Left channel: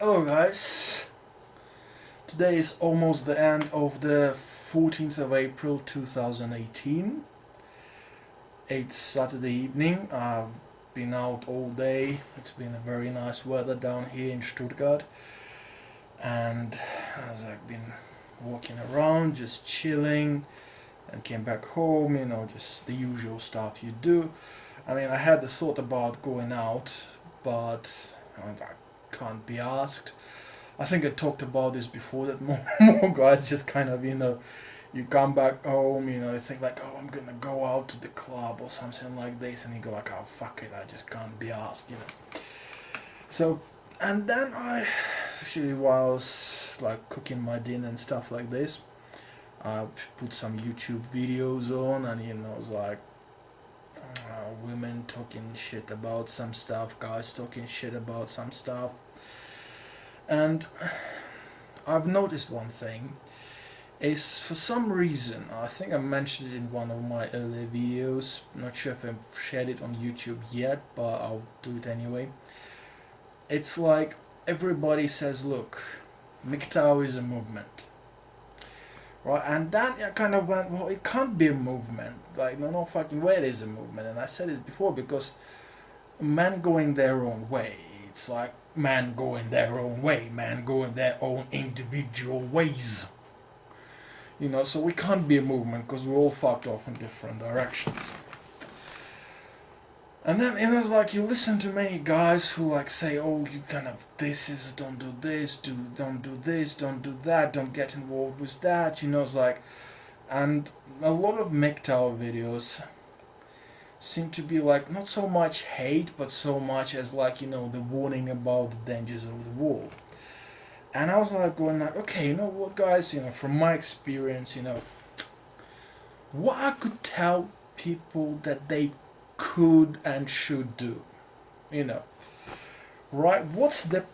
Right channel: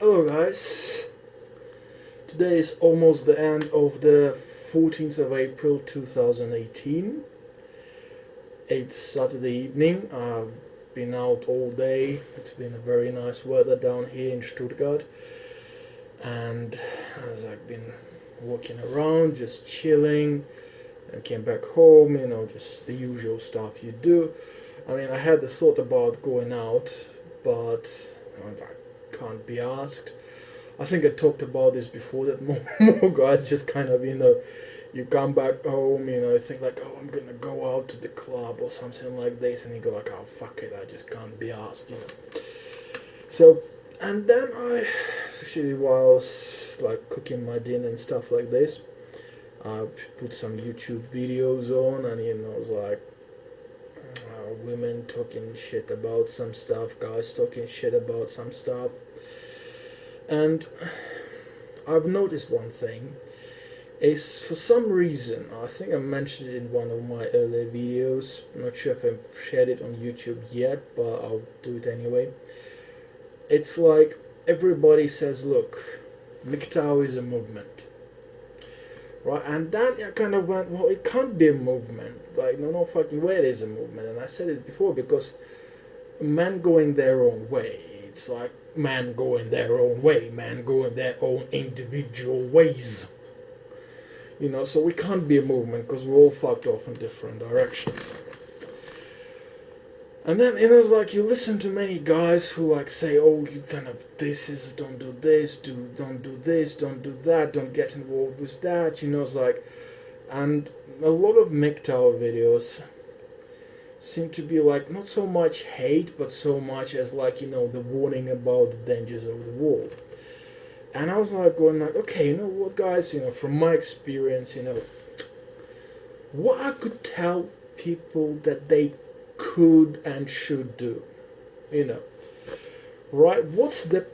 Hello guys, today is almost the end of the 14th of April 2018. It's Saturday evening. I've been out all day. It's been a very nice weather down here in Stuttgart, and as I've been walking around just chilling and came back home, just the usual stuff you do. I mean, I had the thought about going out, but I can't be asked. I think I talked about this before that more guys just kind of, you come back home, you think like, oh, I'm gonna go out to the club or something like this, and you go like, oh, fuck it, I just can't be asked. So, and then actually, while I was like cooking my dinner and stuff like this, I put some YouTube videos on, and it was like, women talking shit about some stuff, guys talking shit about some stuff. And I've noticed one thing is, for some reason, I think I mentioned it in one of my earlier videos, not sure if I've shared it on YouTube yet, but I'll do it anyway. It's like everybody says, look, MGTOW is a movement, right? And then I kind of went, well, it can't be a movement, like no fucking way it is a movement. And I said it before, because men going their own way, it's like men going their own way, men going their own individual ways. So we can't be a movement because we're all fucked off in different directions. And then it was like, you listen to many guys who like say, oh, you kind of, don't do this, don't do this, don't do that, don't get involved with that. It's like, and a lot of MGTOW videos seem to be like not so much hate, but so much as like, the warning about the dangers of the world. And I was like going like, okay, you know what, guys, from my experience, what I could tell people that they could and should do, right? What's the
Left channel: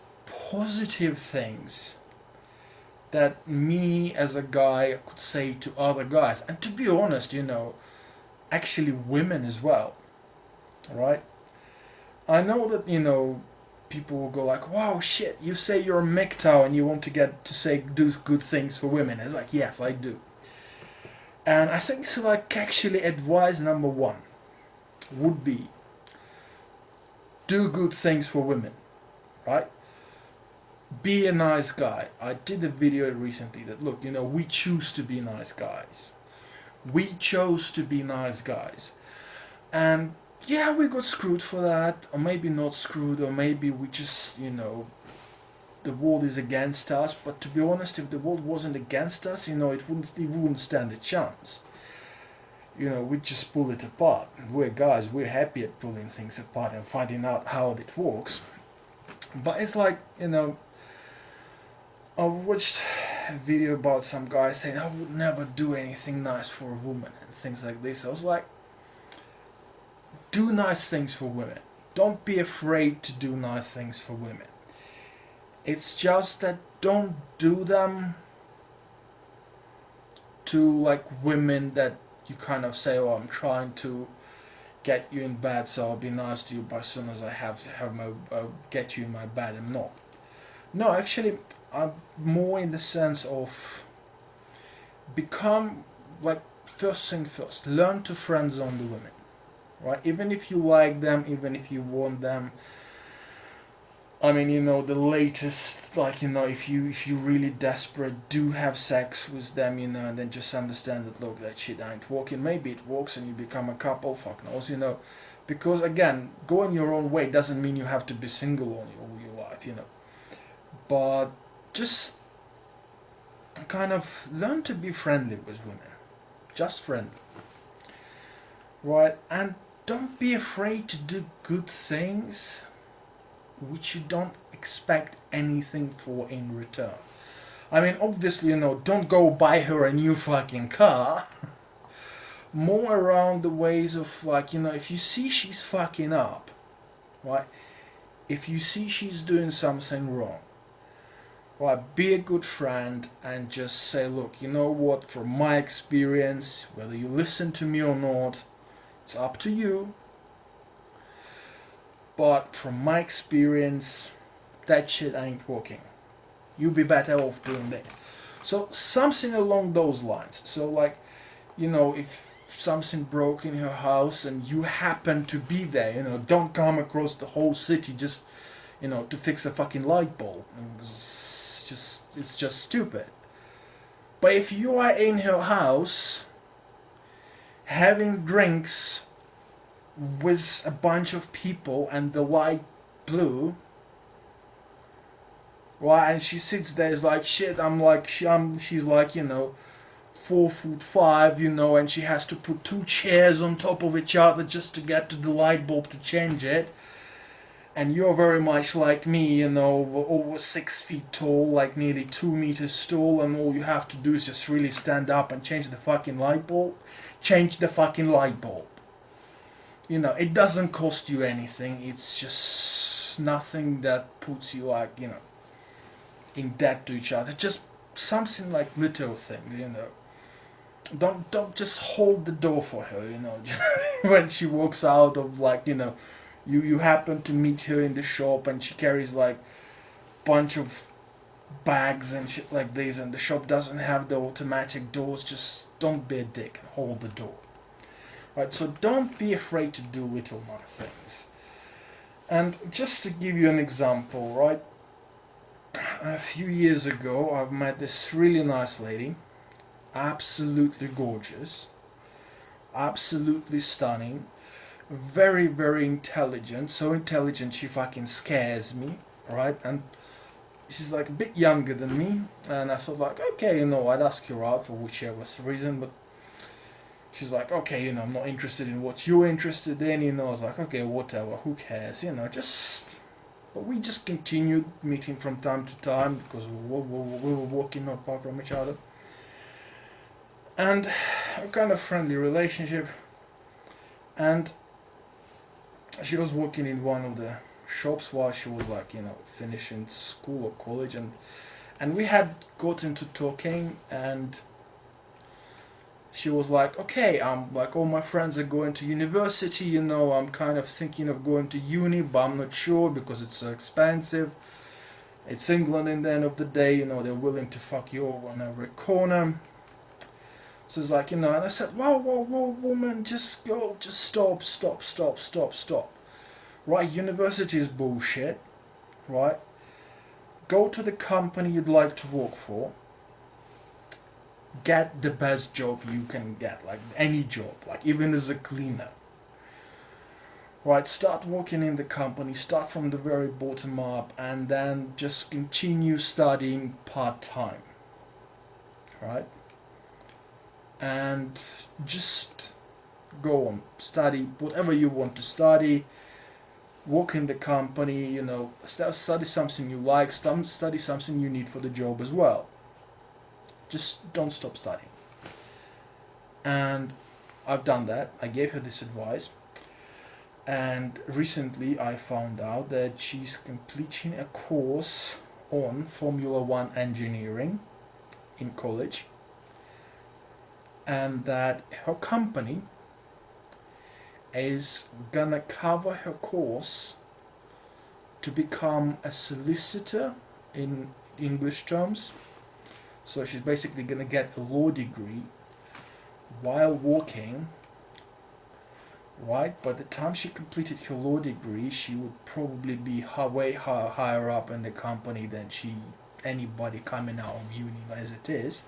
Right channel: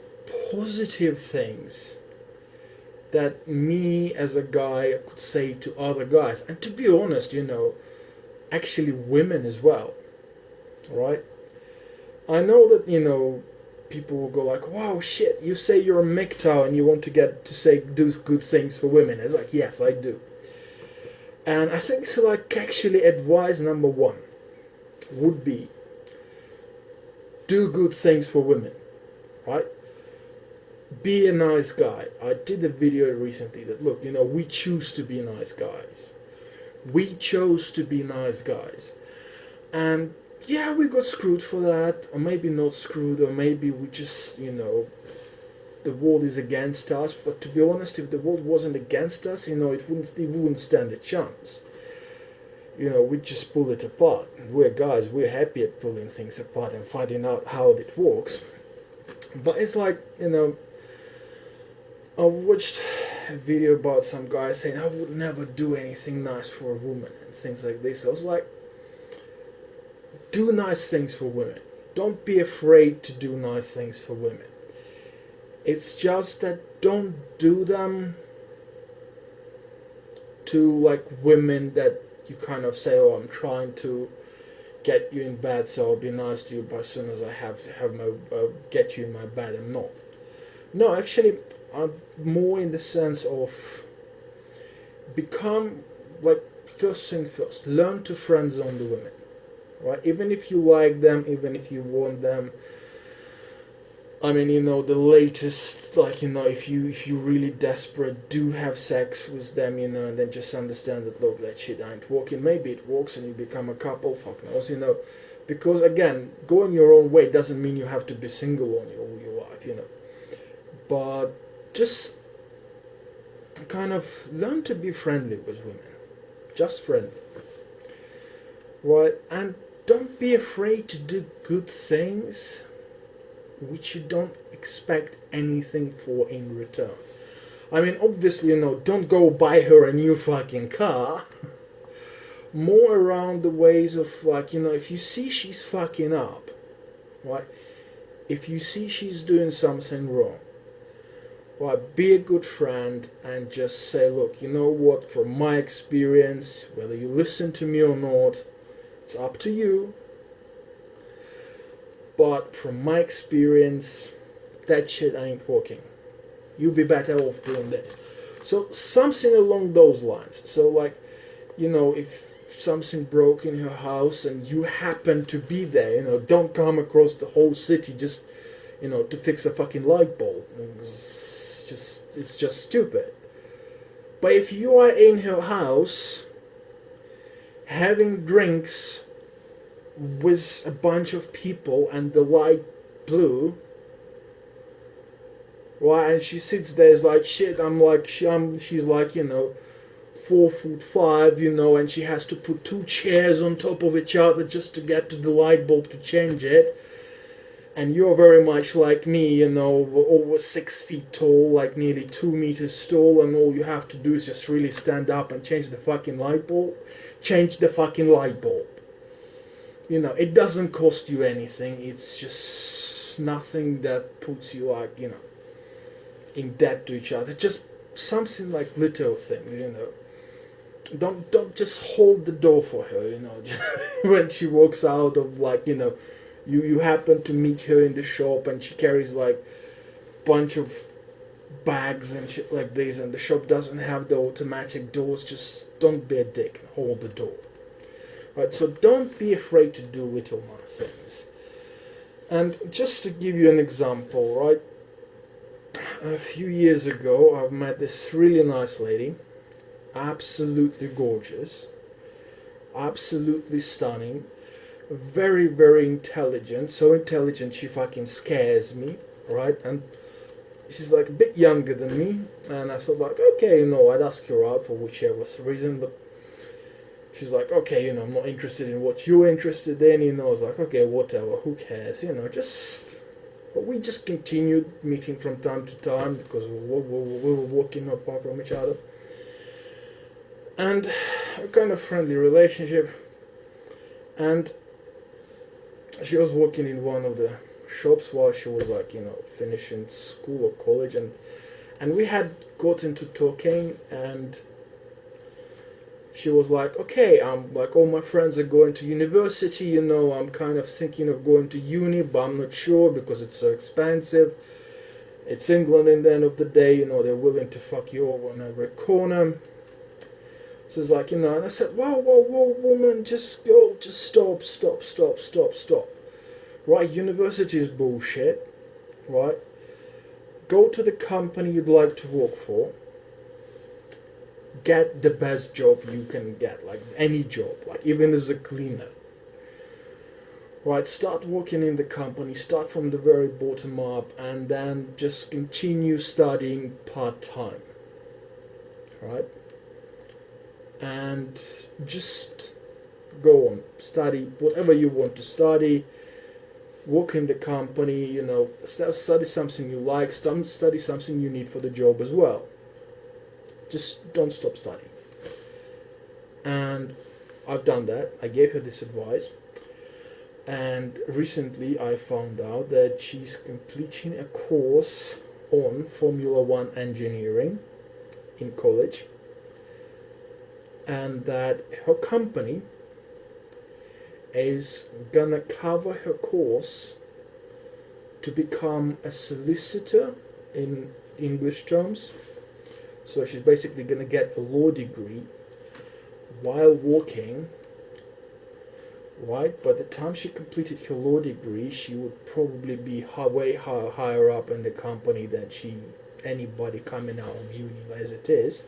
positive things that me as a guy could say to other guys? And to be honest, actually women as well, right? I know that, people will go like, wow, shit, you say you're a MGTOW and you want to get to say do good things for women. It's like, yes, I do. And I think it's like, actually, advice number one would be do good things for women, right? Be a nice guy. I did a video recently that, look, we choose to be nice guys. We chose to be nice guys. And yeah, we got screwed for that, or maybe not screwed, or maybe we just, the world is against us. But to be honest, if the world wasn't against us, it wouldn't stand a chance. We just pull it apart. We're guys, we're happy at pulling things apart and finding out how it works. But it's like, I watched a video about some guy saying, I would never do anything nice for a woman and things like this. I was like, do nice things for women. Don't be afraid to do nice things for women. It's just that don't do them to like women that you kind of say, oh, I'm trying to get you in bed, so I'll be nice to you, but as soon as I have my get you in my bed, I'm not. No, actually, I'm more in the sense of become like, first thing first, learn to friend zone the women. Right, even if you like them, even if you want them. I mean, the latest, like, if you really desperate, do have sex with them, and then just understand that, look, that shit ain't working. Maybe it works and you become a couple, fuck knows, because again, going your own way doesn't mean you have to be single all your life, but just kind of learn to be friendly with women, just friendly, right? And don't be afraid to do good things which you don't expect anything for in return. I mean, obviously, don't go buy her a new fucking car. More around the ways of, like, if you see she's fucking up, right? If you see she's doing something wrong, right, be a good friend and just say, look, you know what, from my experience, whether you listen to me or not, it's up to you. But from my experience, that shit ain't working. You'll be better off doing this. So something along those lines. So like, if something broke in your house and you happen to be there, don't come across the whole city just, to fix a fucking light bulb. It's just stupid. But if you are in your house having drinks with a bunch of people and the light blue, right, and she sits there, is like, shit, she's like, 4'5", and she has to put two chairs on top of each other just to get to the light bulb to change it. And you're very much like me, over 6 feet tall, like nearly 2 meters tall, and all you have to do is just really stand up and change the fucking light bulb. Change the fucking light bulb. It doesn't cost you anything. It's just nothing that puts you like, in debt to each other. Just something like little things, Don't just hold the door for her, when she walks out of like, you happen to meet her in the shop and she carries like bunch of bags and shit like this, and the shop doesn't have the automatic doors. Just don't be a dick and hold the door. Right, so don't be afraid to do little nice things. And just to give you an example, right, a few years ago I've met this really nice lady, absolutely gorgeous, absolutely stunning, very, very intelligent, so intelligent she fucking scares me, right? And she's like a bit younger than me, and I thought like, okay, I'd ask her out for whichever reason, but she's like, okay, I'm not interested in what you're interested in, I was like, okay, whatever, who cares, but we just continued meeting from time to time because we were walking not far from each other, and a kind of friendly relationship. And she was working in one of the shops while she was like, finishing school or college, and we had got into talking, and she was like, okay, I'm like, all my friends are going to university, I'm kind of thinking of going to uni, but I'm not sure because it's so expensive. It's England in the end of the day, they're willing to fuck you over on every corner. So it's like, and I said, whoa, woman, just stop. Right, university is bullshit, right? Go to the company you'd like to work for. Get the best job you can get, like any job, like even as a cleaner. Right, start working in the company, start from the very bottom up, and then just continue studying part-time. Right? And just go on, study whatever you want to study, work in the company, study something you like, study something you need for the job as well. Just don't stop studying. And I've done that. I gave her this advice, and recently I found out that she's completing a course on Formula One engineering in college, and that her company is gonna cover her course to become a solicitor in English terms. So she's basically gonna get a law degree while working, right? By the time she completed her law degree, she would probably be way higher up in the company than anybody coming out of uni as it is.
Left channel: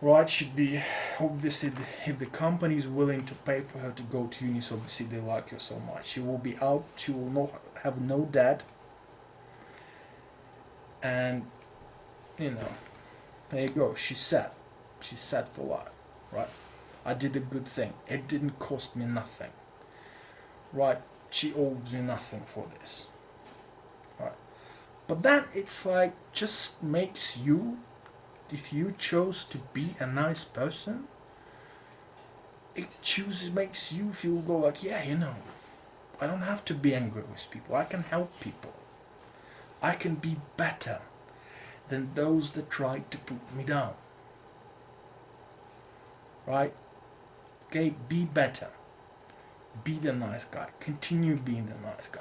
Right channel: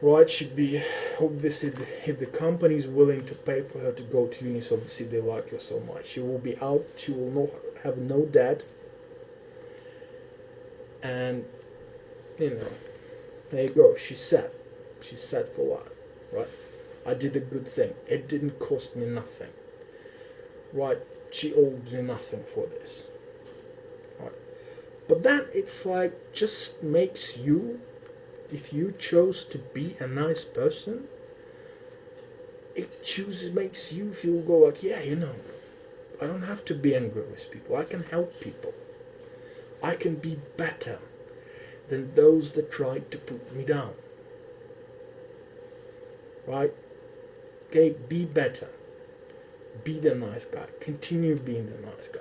Right, should be, obviously, if the company is willing to pay for her to go to uni, so obviously they like her so much. She will be out, she will not have no debt, and, there you go, she's set for life, right? I did a good thing, it didn't cost me nothing, right? She owes me nothing for this, right? But then it's like, just makes you, if you chose to be a nice person, it makes you feel like, yeah, I don't have to be angry with people. I can help people. I can be better than those that tried to put me down. Right? Okay, be better. Be the nice guy. Continue being the nice guy.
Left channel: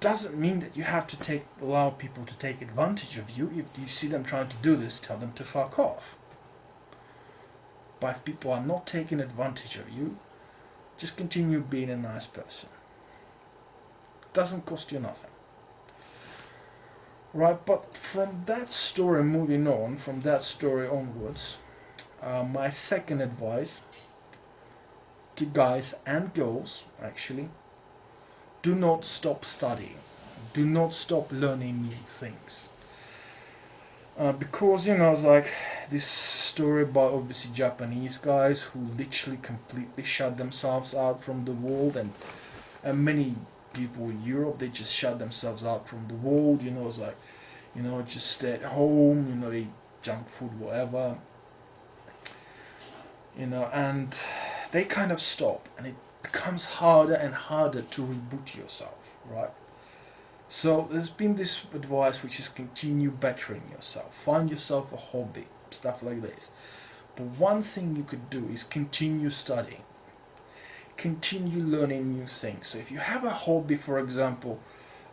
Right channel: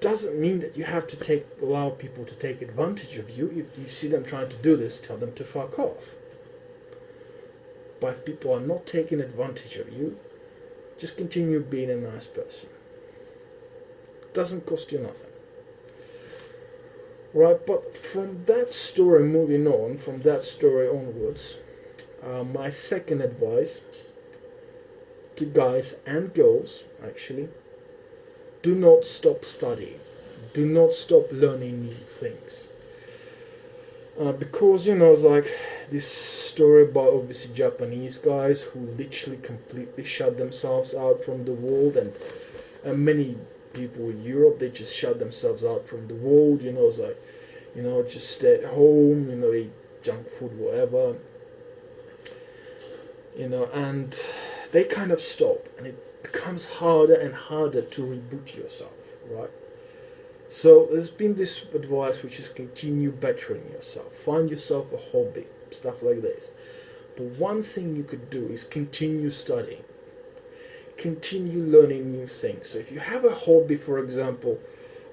doesn't mean that you have to allow people to take advantage of you. If you see them trying to do this, tell them to fuck off. But if people are not taking advantage of you, just continue being a nice person. Doesn't cost you nothing. Right, but from that story moving on, from that story onwards, my second advice to guys and girls, actually, do not stop studying. Do not stop learning new things. Because, it's like this story about obviously Japanese guys who literally completely shut themselves out from the world, and many people in Europe, they just shut themselves out from the world, it's like, just stay at home, eat junk food, whatever, and they kind of stop, and it becomes harder and harder to reboot yourself, right? So there's been this advice, which is continue bettering yourself, find yourself a hobby, stuff like this. But one thing you could do is continue studying, continue learning new things. So if you have a hobby, for example,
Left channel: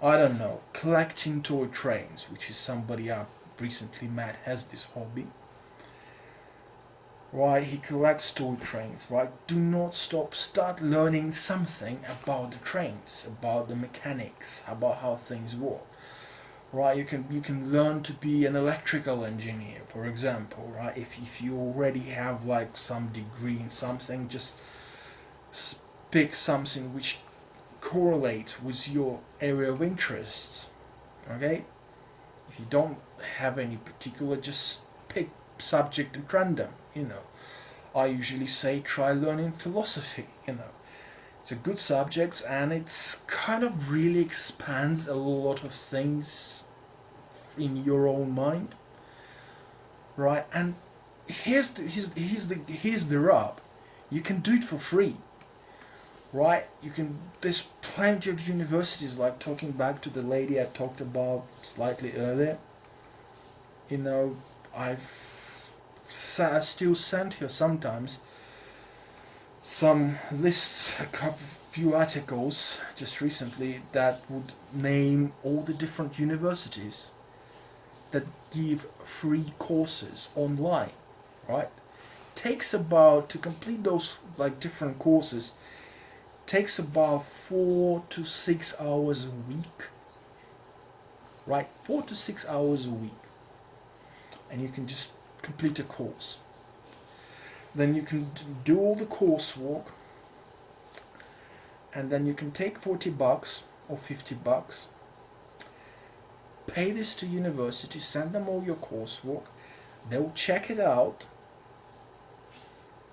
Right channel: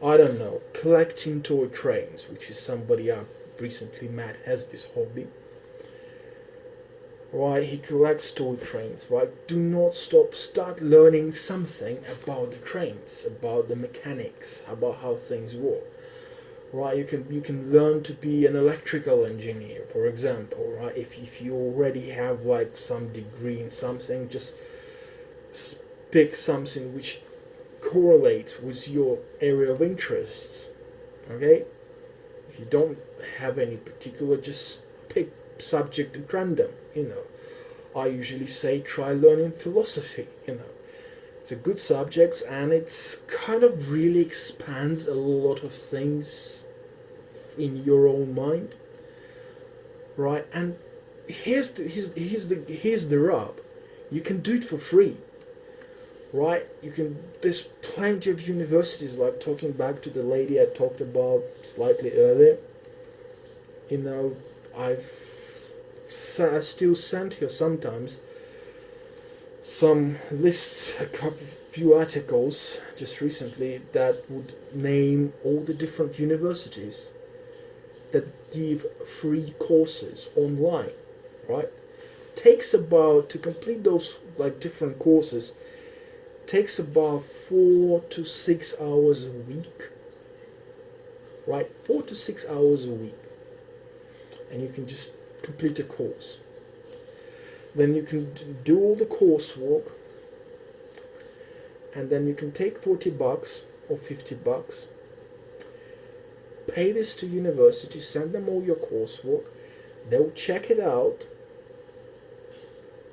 I don't know, collecting toy trains, which is somebody I recently met has this hobby, right? He collects toy trains, right? Do not stop. Start learning something about the trains, about the mechanics, about how things work, right? You can learn to be an electrical engineer, for example, right? If you already have like some degree in something, just pick something which correlates with your area of interests, okay? If you don't have any particular, just pick subject at random, I usually say try learning philosophy, it's a good subject, and it's kind of really expands a lot of things in your own mind, right? And here's the rub: you can do it for free, right? There's plenty of universities, like talking back to the lady I talked about slightly earlier, I still send her sometimes some lists, few articles just recently that would name all the different universities that give free courses online, right? Takes about, to complete those like different courses, takes about 4 to 6 hours a week, right? 4 to 6 hours a week, and you can just complete a course. Then you can do all the coursework, and then you can take $40 or $50, pay this to university, send them all your coursework, they'll check it out,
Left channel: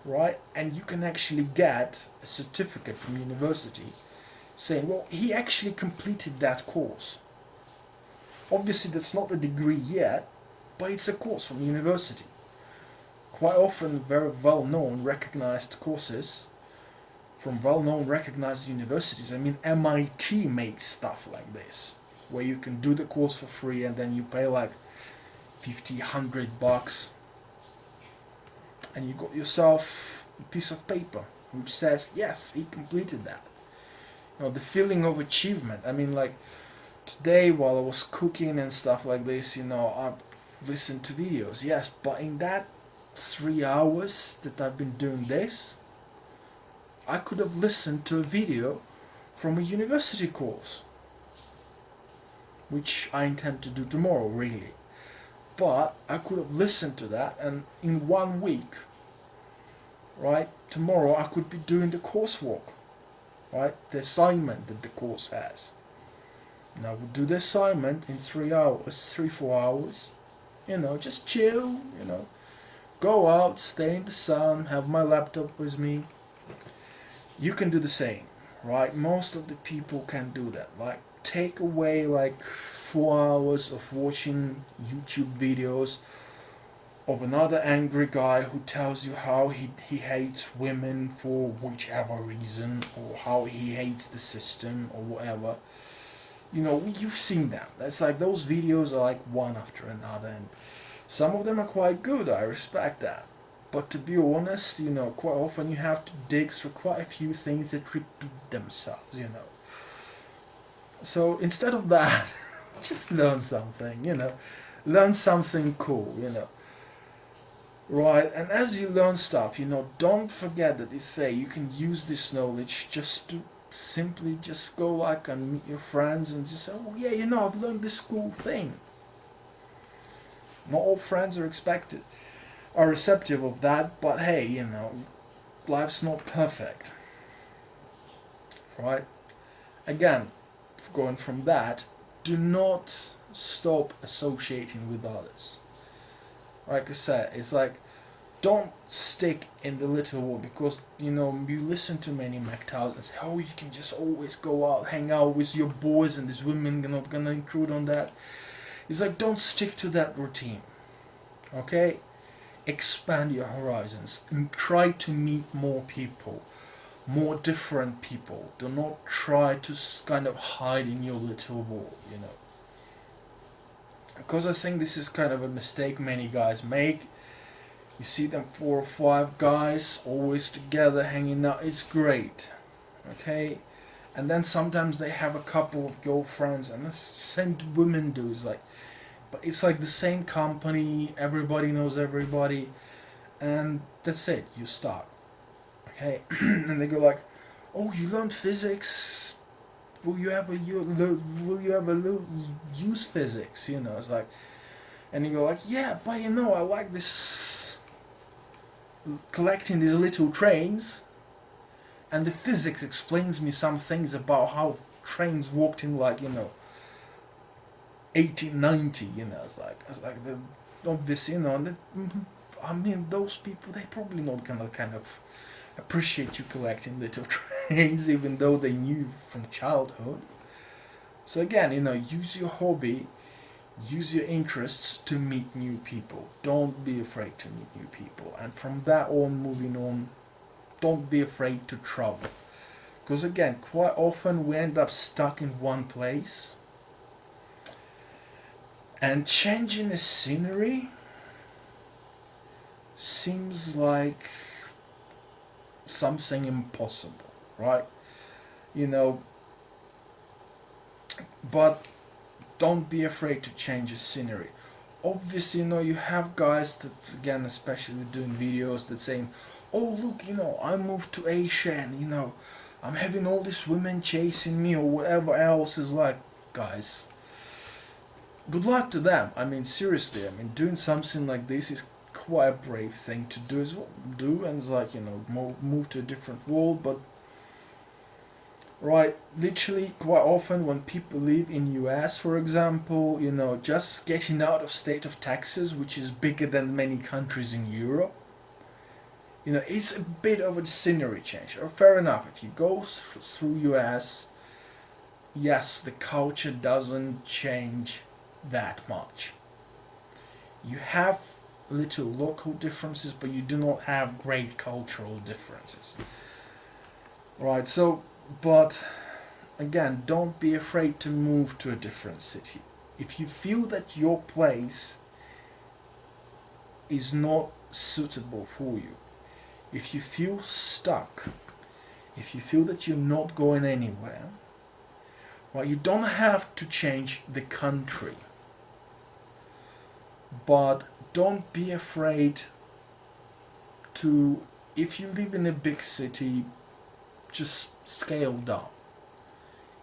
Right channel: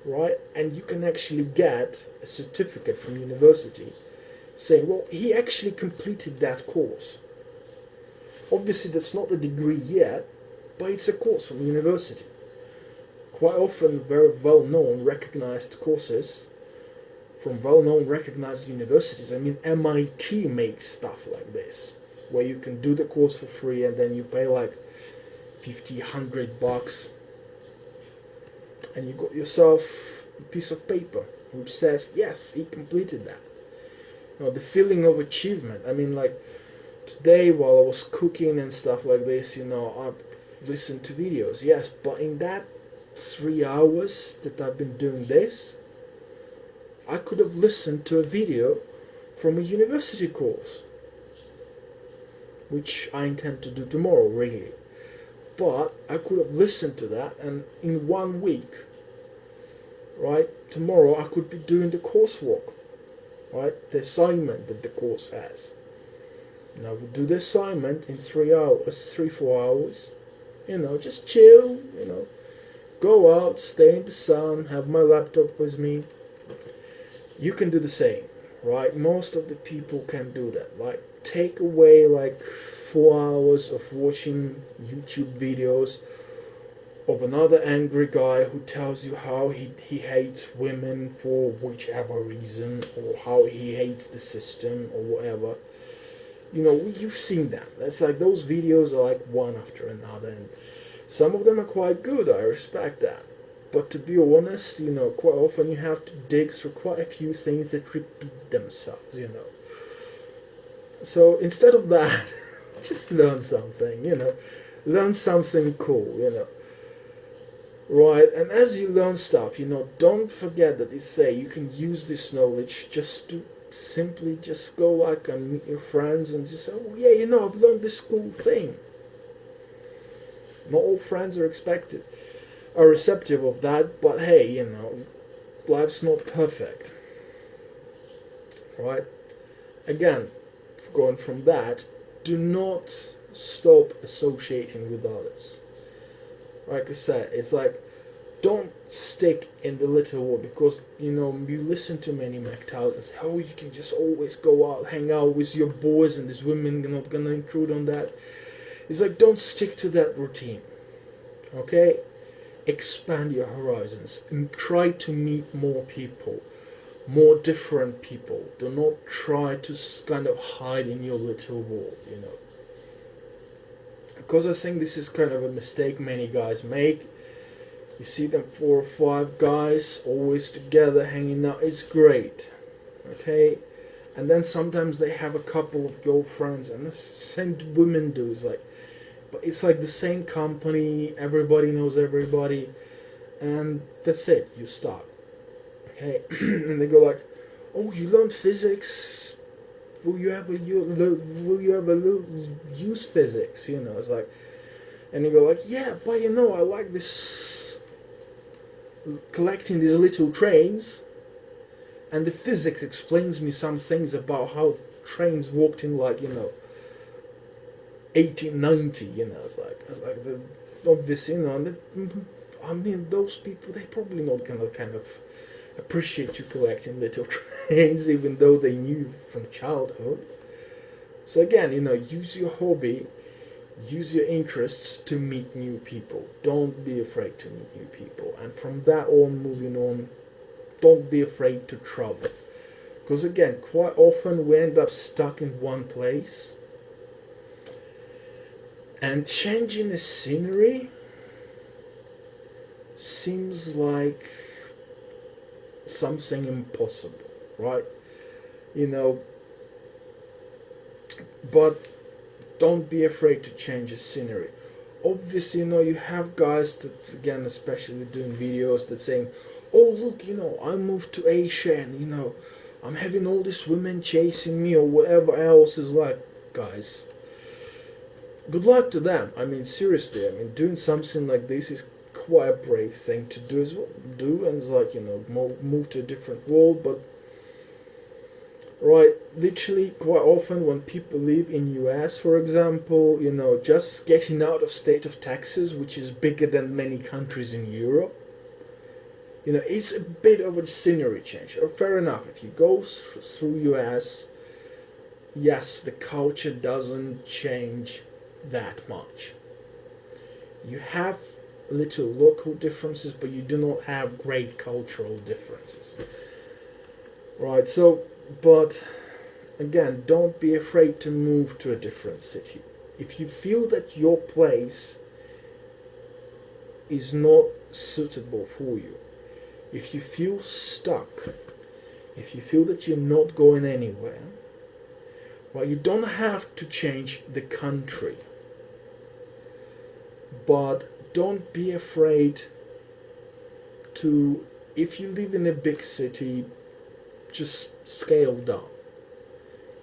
right? And you can actually get a certificate from university saying, well, he actually completed that course. Obviously that's not the degree yet, but it's a course from university. Quite often very well-known, recognized courses from well-known, recognized universities. I mean, MIT makes stuff like this, where you can do the course for free and then you pay like $50, $100, and you got yourself a piece of paper which says, yes, he completed that. The feeling of achievement. I mean, like today while I was cooking and stuff like this, I listened to videos, yes, but in that 3 hours that I've been doing this, I could have listened to a video from a university course, which I intend to do tomorrow, really. But I could have listened to that, and in 1 week, right, tomorrow I could be doing the coursework, right, the assignment that the course has. And I would do the assignment in 3 hours, 3-4 hours, just chill, go out, stay in the sun, have my laptop with me. You can do the same, right? Most of the people can do that. Like, take away like 4 hours of watching YouTube videos of another angry guy who tells you how he hates women for whichever reason, or how he hates the system or whatever. You've seen them. That's like, those videos are like one after another, and some of them are quite good, I respect that. But to be honest, quite often you have to dig through quite a few things that repeat themselves, So instead of that, just learn something, learn something cool, right? And as you learn stuff, don't forget that they say you can use this knowledge just to simply just go like and meet your friends and just say, oh yeah, I've learned this cool thing. Not all friends are receptive of that, but hey, life's not perfect, right? Again, going from that, do not stop associating with others. Like I said, it's like, don't stick in the little world, because you listen to many MGTOWs and say, oh, you can just always go out, hang out with your boys, and these women are not gonna intrude on that. It's like, don't stick to that routine. Okay, expand your horizons and try to meet more people, more different people. Do not try to kind of hide in your little world, because I think this is kind of a mistake many guys make. You see them 4 or 5 guys always together hanging out. It's great, okay? And then sometimes they have a couple of girlfriends, and the same women do. But it's like the same company. Everybody knows everybody, and that's it. You stop, okay? And they go like, "Oh, you learned physics. Will you ever use physics?" It's like, and you go like, "Yeah, but I like this." Collecting these little trains, and the physics explains me some things about how trains worked in 1890. It's like the obvious, and I mean, those people, they probably not gonna kind of appreciate you collecting little trains, even though they knew from childhood. So again, use your hobby, use your interests to meet new people. Don't be afraid to meet new people. And from that on, moving on, don't be afraid to travel. Because again, quite often we end up stuck in one place. And changing the scenery seems like something impossible, right? But don't be afraid to change the scenery. Obviously, you have guys that, again, especially doing videos, that saying, oh, look, I moved to Asia, and, I'm having all these women chasing me, or whatever else. Is like, guys, good luck to them. I mean, seriously, doing something like this is quite a brave thing to do, and it's like, move to a different world. But right, literally, quite often when people live in US, for example, just getting out of state of Texas, which is bigger than many countries in Europe, it's a bit of a scenery change. Or fair enough, if you go through US, yes, the culture doesn't change that much. You have little local differences, but you do not have great cultural differences. Right, so, but again, don't be afraid to move to a different city. If you feel that your place is not suitable for you, if you feel stuck, if you feel that you're not going anywhere, well, you don't have to change the country, but don't be afraid to, if you live in a big city, just scale down.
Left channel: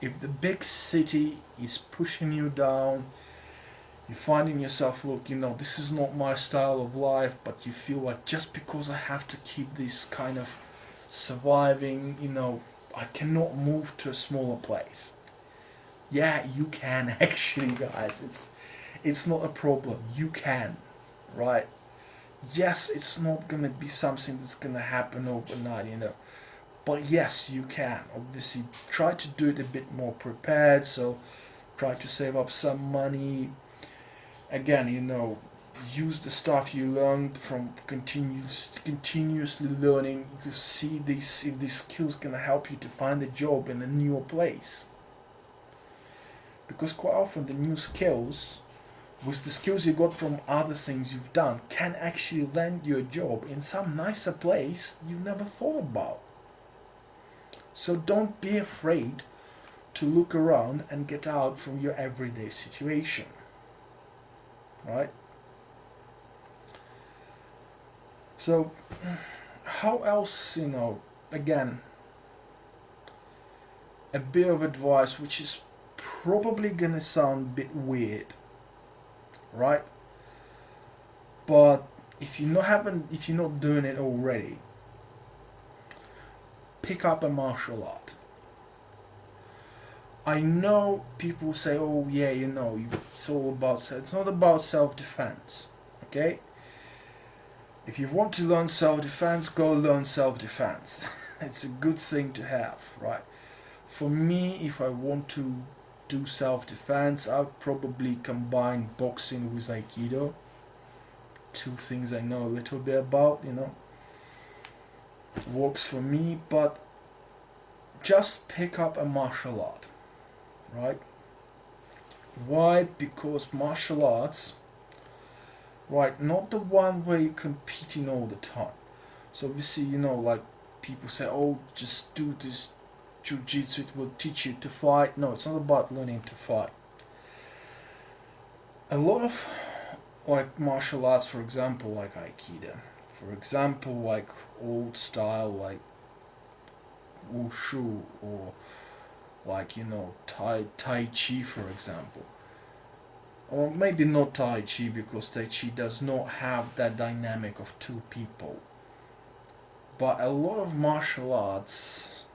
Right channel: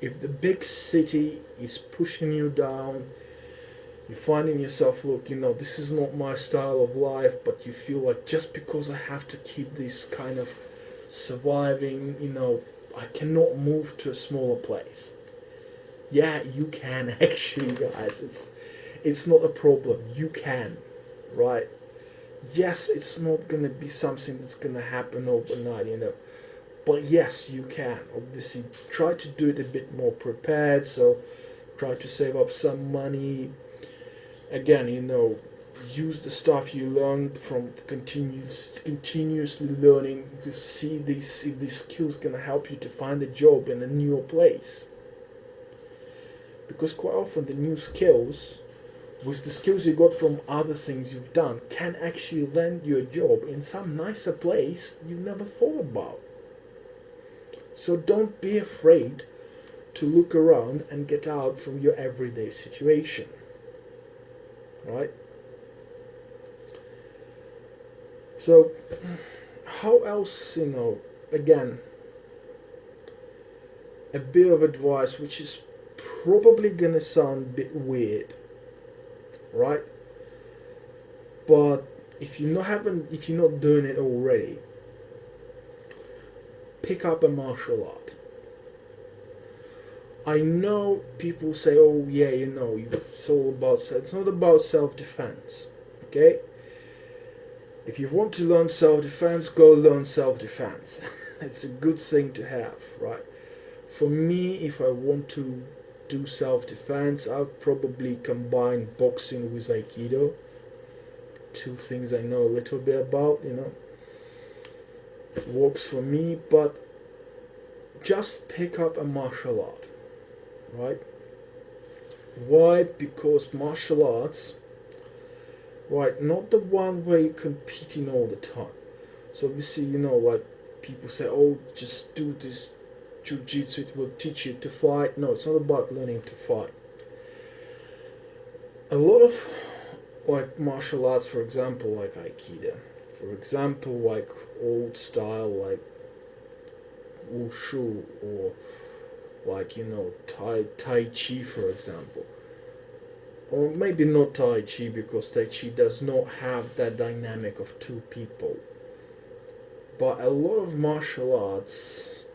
If the big city is pushing you down, you're finding yourself, look, this is not my style of life, but you feel like just because I have to keep this kind of surviving, I cannot move to a smaller place. Yeah, you can actually, guys. It's not a problem. You can, right? Yes, it's not gonna be something that's gonna happen overnight, but yes, you can. Obviously, try to do it a bit more prepared. So, try to save up some money. Again, use the stuff you learned from continuously learning to see if these skills gonna help you to find a job in a newer place. Because quite often the new skills, with the skills you got from other things you've done, can actually land you a job in some nicer place you never thought about. So don't be afraid to look around and get out from your everyday situation, right? So how else, again, a bit of advice which is probably gonna sound a bit weird, right? But if you're not doing it already, pick up a martial art. I know people say, "Oh yeah, it's all about." It's not about self-defense, okay? If you want to learn self-defense, go learn self-defense. It's a good thing to have, right? For me, if I want to do self-defense, I'll probably combine boxing with Aikido. Two things I know a little bit about, It works for me, but just pick up a martial art, right? Why? Because martial arts, right, not the one where you're competing all the time. So obviously, like people say, "Oh, just do this jiu-jitsu, it will teach you to fight." No, it's not about learning to fight. A lot of like martial arts, for example, like Aikido, for example, like old style, like wushu, or like tai chi, for example, or maybe not tai chi, because tai chi does not have that dynamic of two people. But a lot of martial arts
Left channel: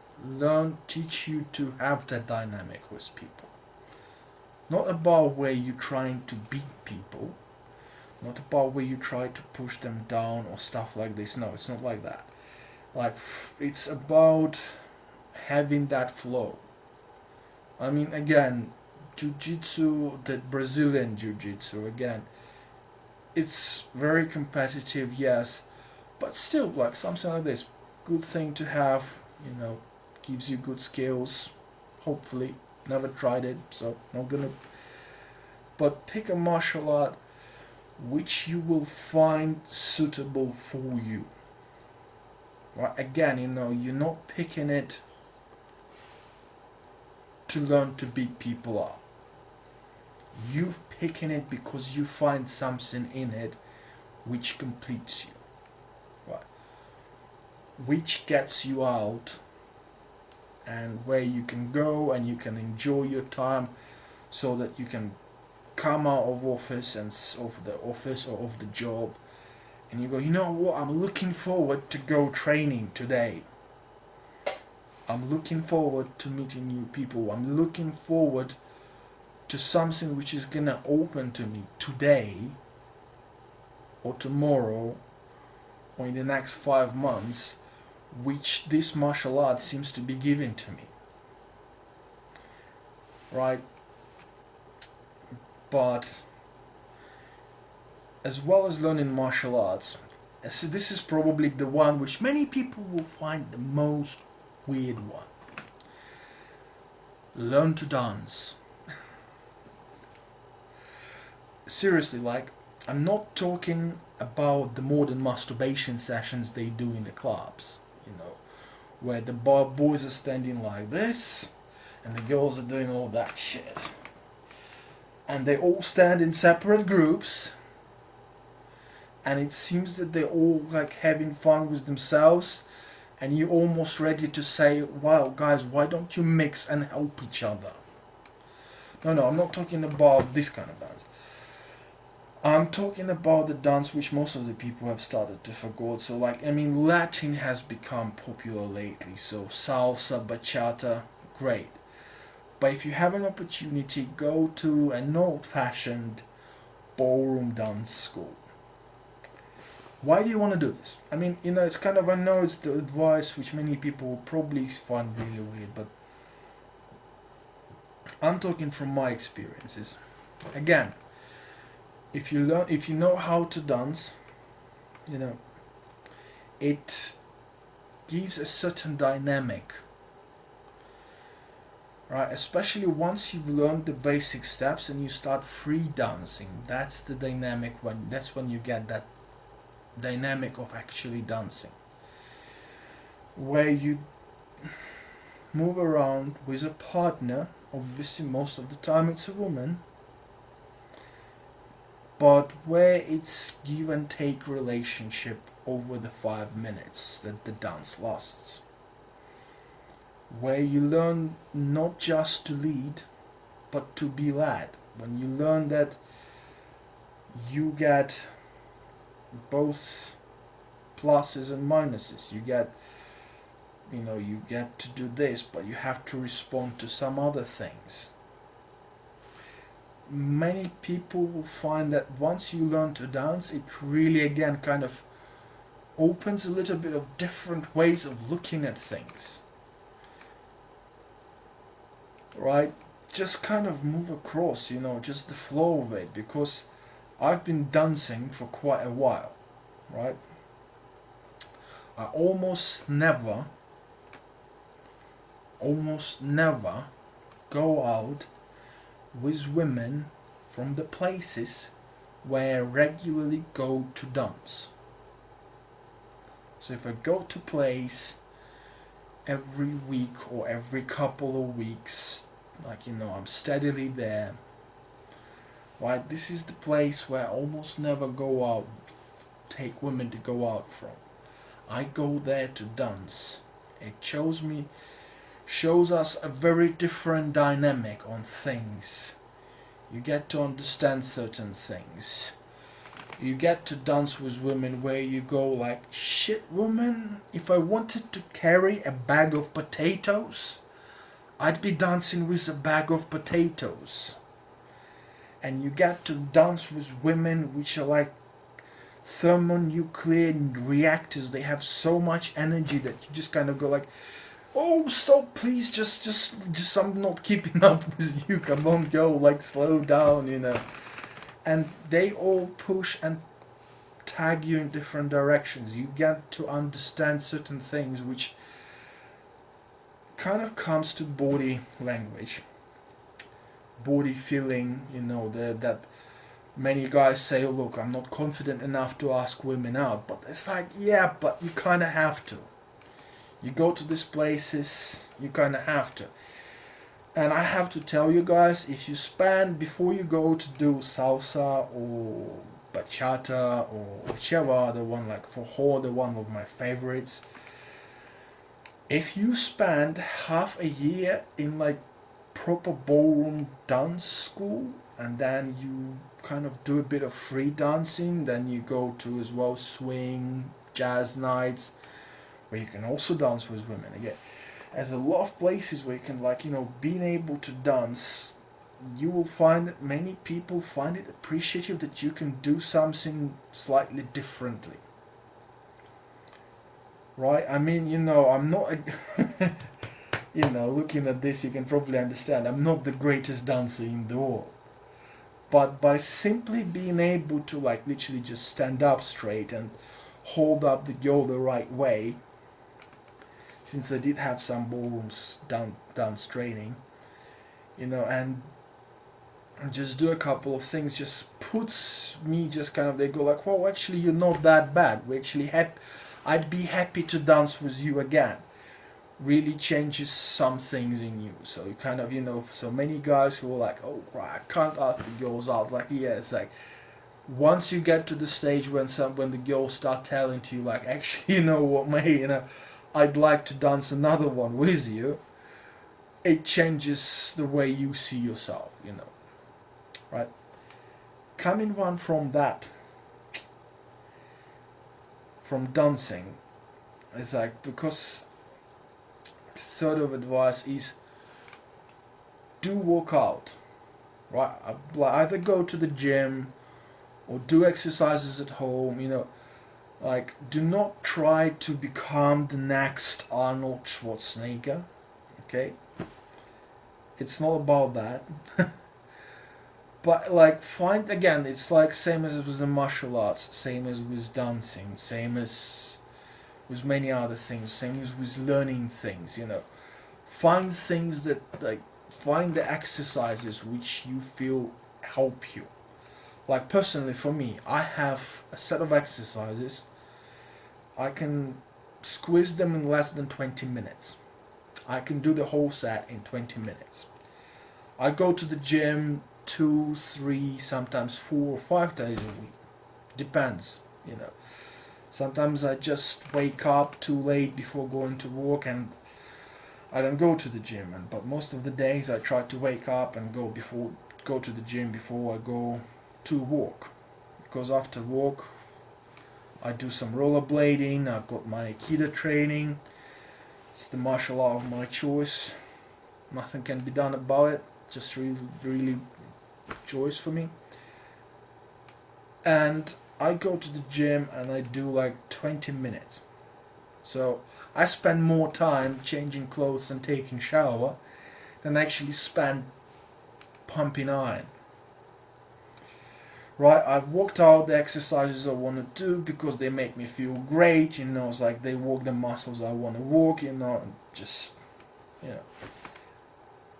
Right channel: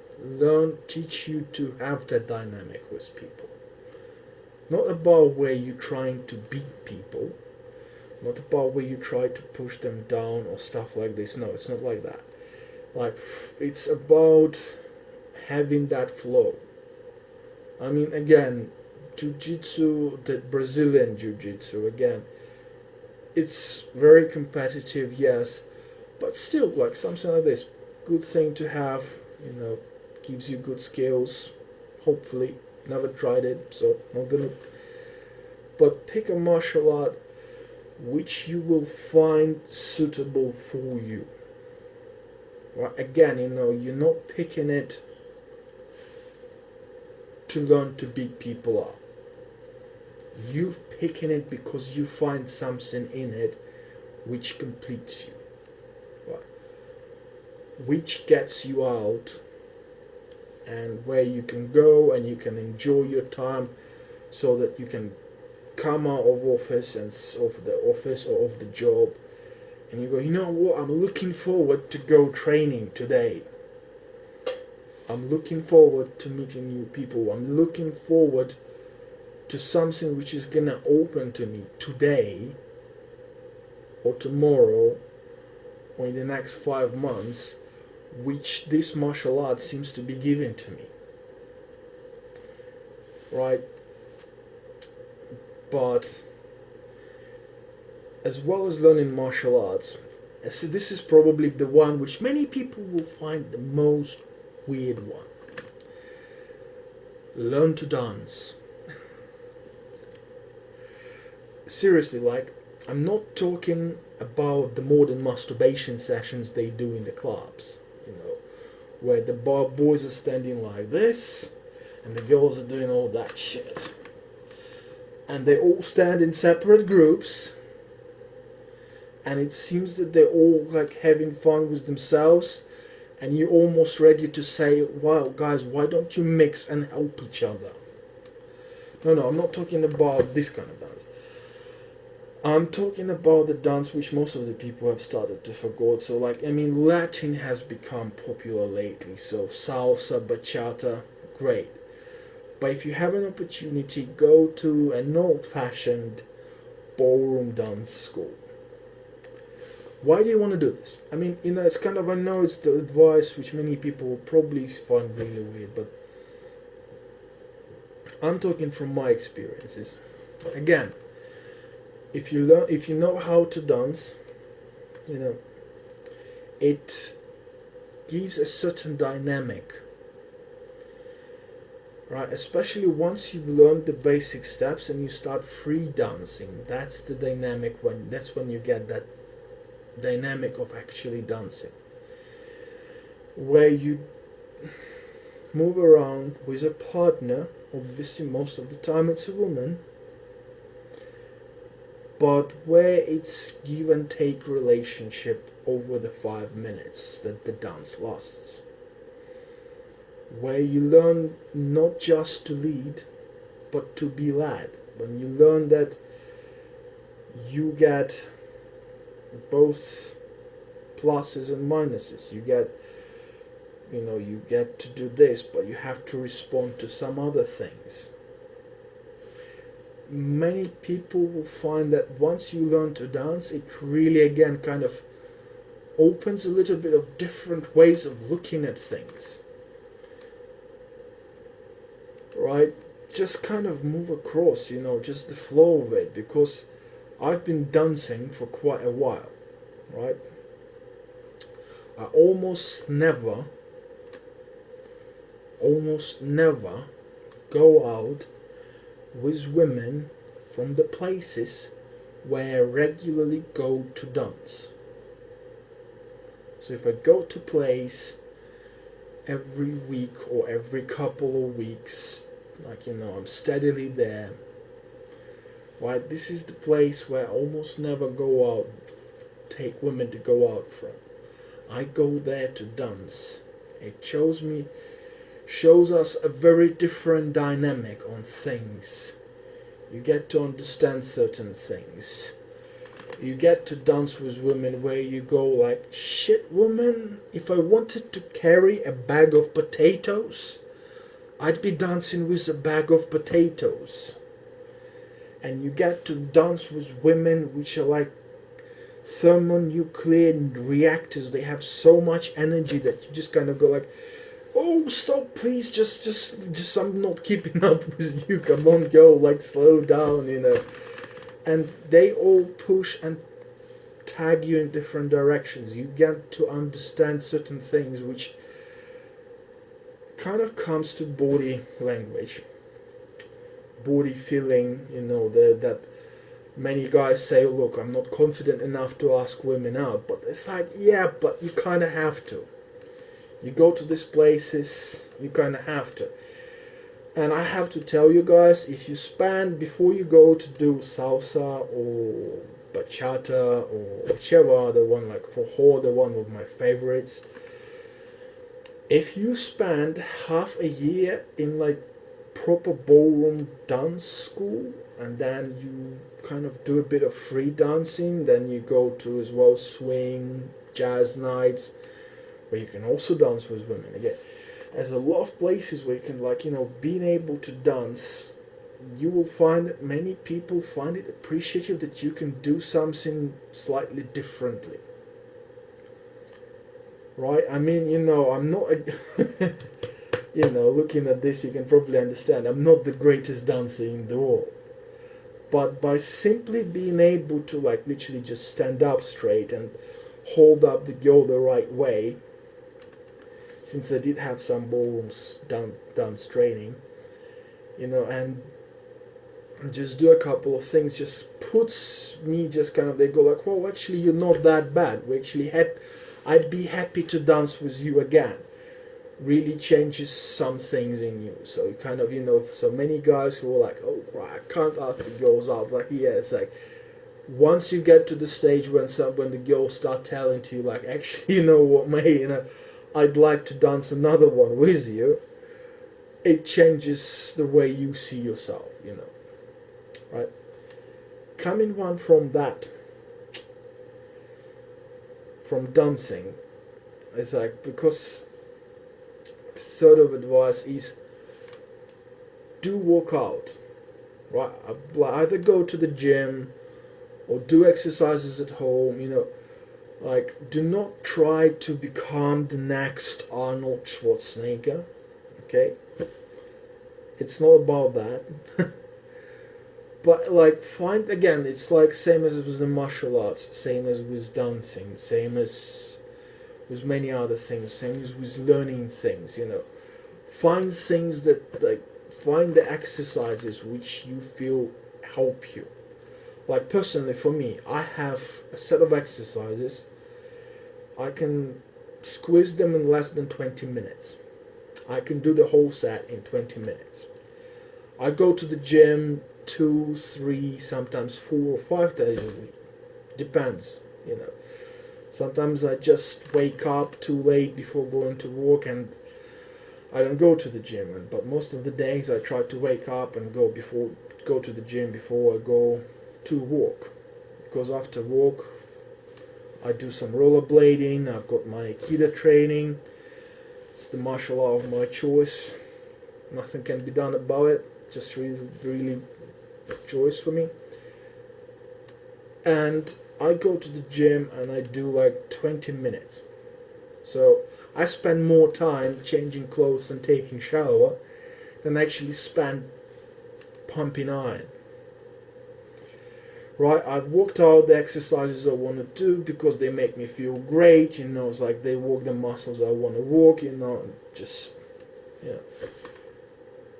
teach you to have that dynamic with people. Not about where you're trying to beat people, not about where you try to push them down or stuff like this. No, it's not like that. Like, it's about having that flow. I mean, again, jiu-jitsu, the Brazilian jiu-jitsu, again, it's very competitive, yes, but still, like something like this, good thing to have, gives you good skills, hopefully. Never tried it, so not gonna. But pick a martial art which you will find suitable for you. Well, again, you're not picking it to learn to beat people up. You're picking it because you find something in it which completes you, right? Which gets you out, and where you can go and you can enjoy your time, so that you can come out of office and of the office or of the job, and you go, "You know what, I'm looking forward to go training today. I'm looking forward to meeting new people. I'm looking forward to something which is gonna open to me today or tomorrow or in the next 5 months, which this martial art seems to be giving to me." Right? But as well as learning martial arts, so this is probably the one which many people will find the most weird one. Learn to dance. Seriously, like, I'm not talking about the modern masturbation sessions they do in the clubs, where the boys are standing like this and the girls are doing all that shit. And they all stand in separate groups, and it seems that they're all like having fun with themselves, and you're almost ready to say, "Wow, guys, why don't you mix and help each other?" No, I'm not talking about this kind of dance. I'm talking about the dance which most of the people have started to forget. So, like, Latin has become popular lately. So, salsa, bachata, great. But if you have an opportunity, go to an old-fashioned ballroom dance school. Why do you want to do this? It's kind of, I know it's the advice which many people will probably find really weird, but I'm talking from my experiences. Again, if you know how to dance, it gives a certain dynamic, right? Especially once you've learned the basic steps and you start free dancing, that's the dynamic that's when you get that dynamic of actually dancing, where move around with a partner, obviously most of the time it's a woman, but where it's give and take relationship over the 5 minutes that the dance lasts, where you learn not just to lead but to be led, when you learn that you get both pluses and minuses. You get to do this, but you have to respond to some other things. Many people will find that once you learn to dance, it really again kind of opens a little bit of different ways of looking at things. Right? Just kind of move across, just the flow of it, because I've been dancing for quite a while, right? I almost never go out with women from the places where I regularly go to dance. So if I go to place every week or every couple of weeks, I'm steadily there, right? This is the place where I almost never go out, take women to go out from. I go there to dance. It shows us a very different dynamic on things. You get to understand certain things. You get to dance with women where you go like, shit woman, if I wanted to carry a bag of potatoes, I'd be dancing with a bag of potatoes. And you get to dance with women which are like thermonuclear reactors. They have so much energy that you just kind of go like, oh, stop, please, just I'm not keeping up with you, come on, girl, like, slow down, and they all push and tag you in different directions. You get to understand certain things which kind of comes to body language, body feeling, that many guys say, look, I'm not confident enough to ask women out, but it's like, yeah, but you kind of have to. You go to these places, you kind of have to. And I have to tell you guys, if you spend, before you go to do salsa or bachata or whichever other one, like forró, the one of my favorites, if you spend half a year in like proper ballroom dance school, and then you kind of do a bit of free dancing, then you go to as well swing, jazz nights, where you can also dance with women. Again, there's a lot of places where you can, being able to dance, you will find that many people find it appreciative that you can do something slightly differently. Right? I mean, I'm not, looking at this, you can probably understand, I'm not the greatest dancer in the world. But by simply being able to, literally just stand up straight and hold up the girl the right way, since I did have some ballrooms dance training, and just do a couple of things, just puts me just kind of, they go like, well, actually, you're not that bad. We actually I'd be happy to dance with you again. Really changes some things in you. So you kind of, so many guys who are like, oh, right, I can't ask the girls out. Like, yeah, it's like, once you get to the stage when the girls start telling to you, like, actually, you know what, mate, I'd like to dance another one with you, it changes the way you see yourself, right? Coming one from that, from dancing, it's like, because third of advice is do work out, right? Either go to the gym or do exercises at home, do not try to become the next Arnold Schwarzenegger, okay? It's not about that. But find, again, it's like same as with the martial arts, same as with dancing, same as with many other things, same as with learning things, Find things that, find the exercises which you feel help you. Like personally for me, I have a set of exercises. I can squeeze them in less than 20 minutes. I can do the whole set in 20 minutes. I go to the gym 2, 3, sometimes 4 or 5 days a week. Depends, you know. Sometimes I just wake up too late before going to work and I don't go to the gym. But most of the days I try to wake up and go to the gym before I go to work. Because after work I do some rollerblading. I've got my Aikido training. It's the martial art of my choice. Nothing can be done about it. Just really choice for me. And I go to the gym and I do like 20 minutes. So I spend more time changing clothes and taking shower than actually spend pumping iron. Right, I've worked out the exercises I want to do because they make me feel great, you know, it's like they work the muscles I want to work, you know, and just, you know.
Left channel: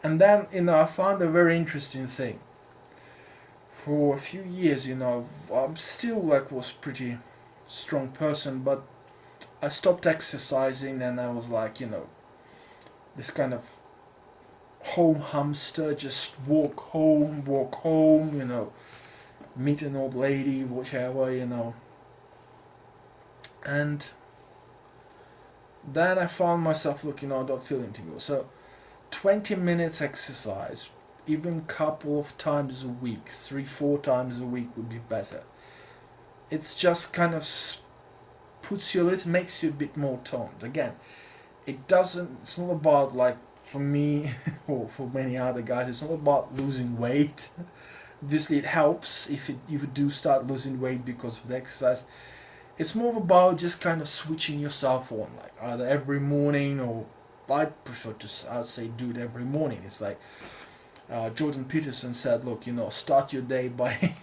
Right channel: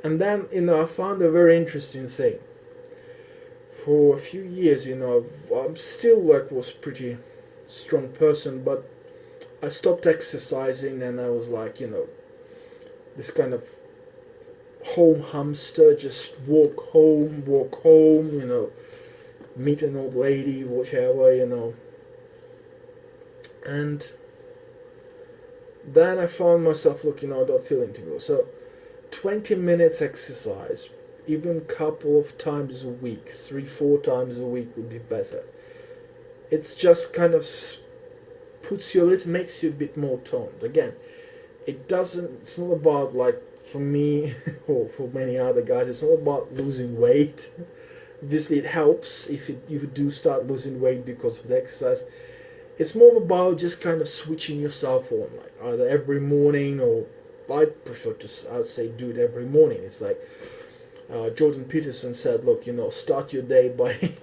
And then, you know, I found a very interesting thing. For a few years, you know, I'm still like was pretty strong person, but I stopped exercising and I was like, you know, this kind of home hamster, just walk home, you know, meet an old lady, whichever, you know. And then I found myself looking out, not feeling too good. So 20 minutes exercise, even couple of times a week, 3-4 times a week would be better. It's just kind of puts you a little, makes you a bit more toned. Again, it's not about, like, for me or for many other guys, it's not about losing weight. Obviously it helps if you do start losing weight because of the exercise. It's more about just kind of switching yourself on, like either every morning, or I prefer to, I'd say, do it every morning. It's like Jordan Peterson said, look, you know, start your day by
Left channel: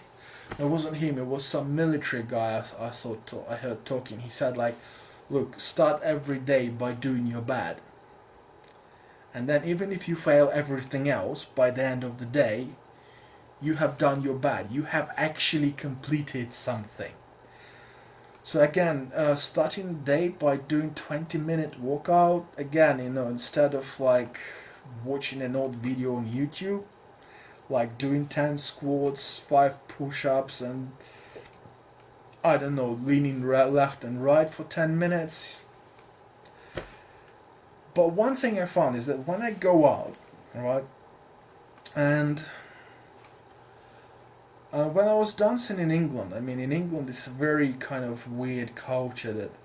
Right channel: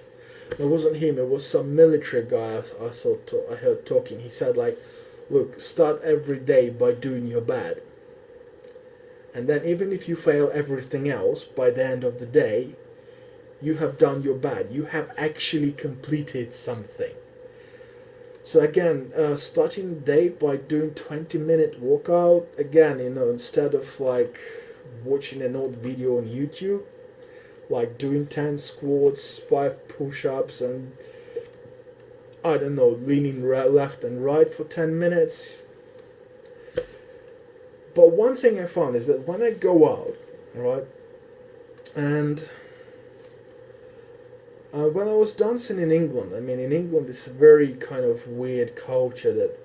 it wasn't him, it was some military guy I heard talking. He said, like, look, start every day by doing your bad, and then even if you fail everything else, by the end of the day you have done your bad, you have actually completed something. So again, starting the day by doing 20-minute workout. Again, you know, instead of like watching an old video on YouTube, like doing 10 squats, 5 push-ups, and I don't know, leaning left and right for 10 minutes. But one thing I found is that when I go out, right, and when I was dancing in England, I mean, in England it's a very kind of weird culture that,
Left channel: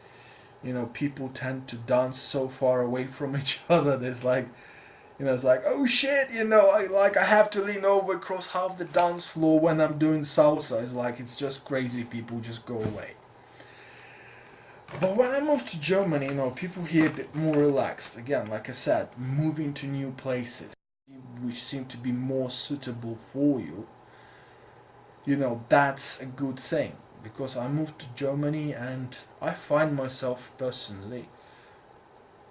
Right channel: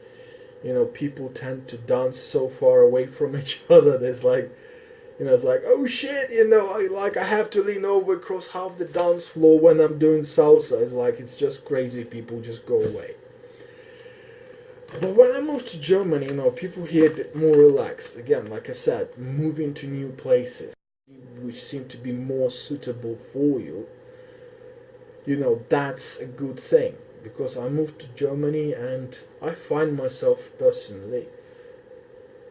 you know, people tend to dance so far away from each other. There's like, you know, it's like, oh shit, you know, I have to lean over across half the dance floor when I'm doing salsa. It's like, it's just crazy. People just go away. But when I moved to Germany, you know, people here a bit more relaxed. Again, like I said, moving to new places, which seem to be more suitable for you. You know, that's a good thing, because I moved to Germany and I find myself personally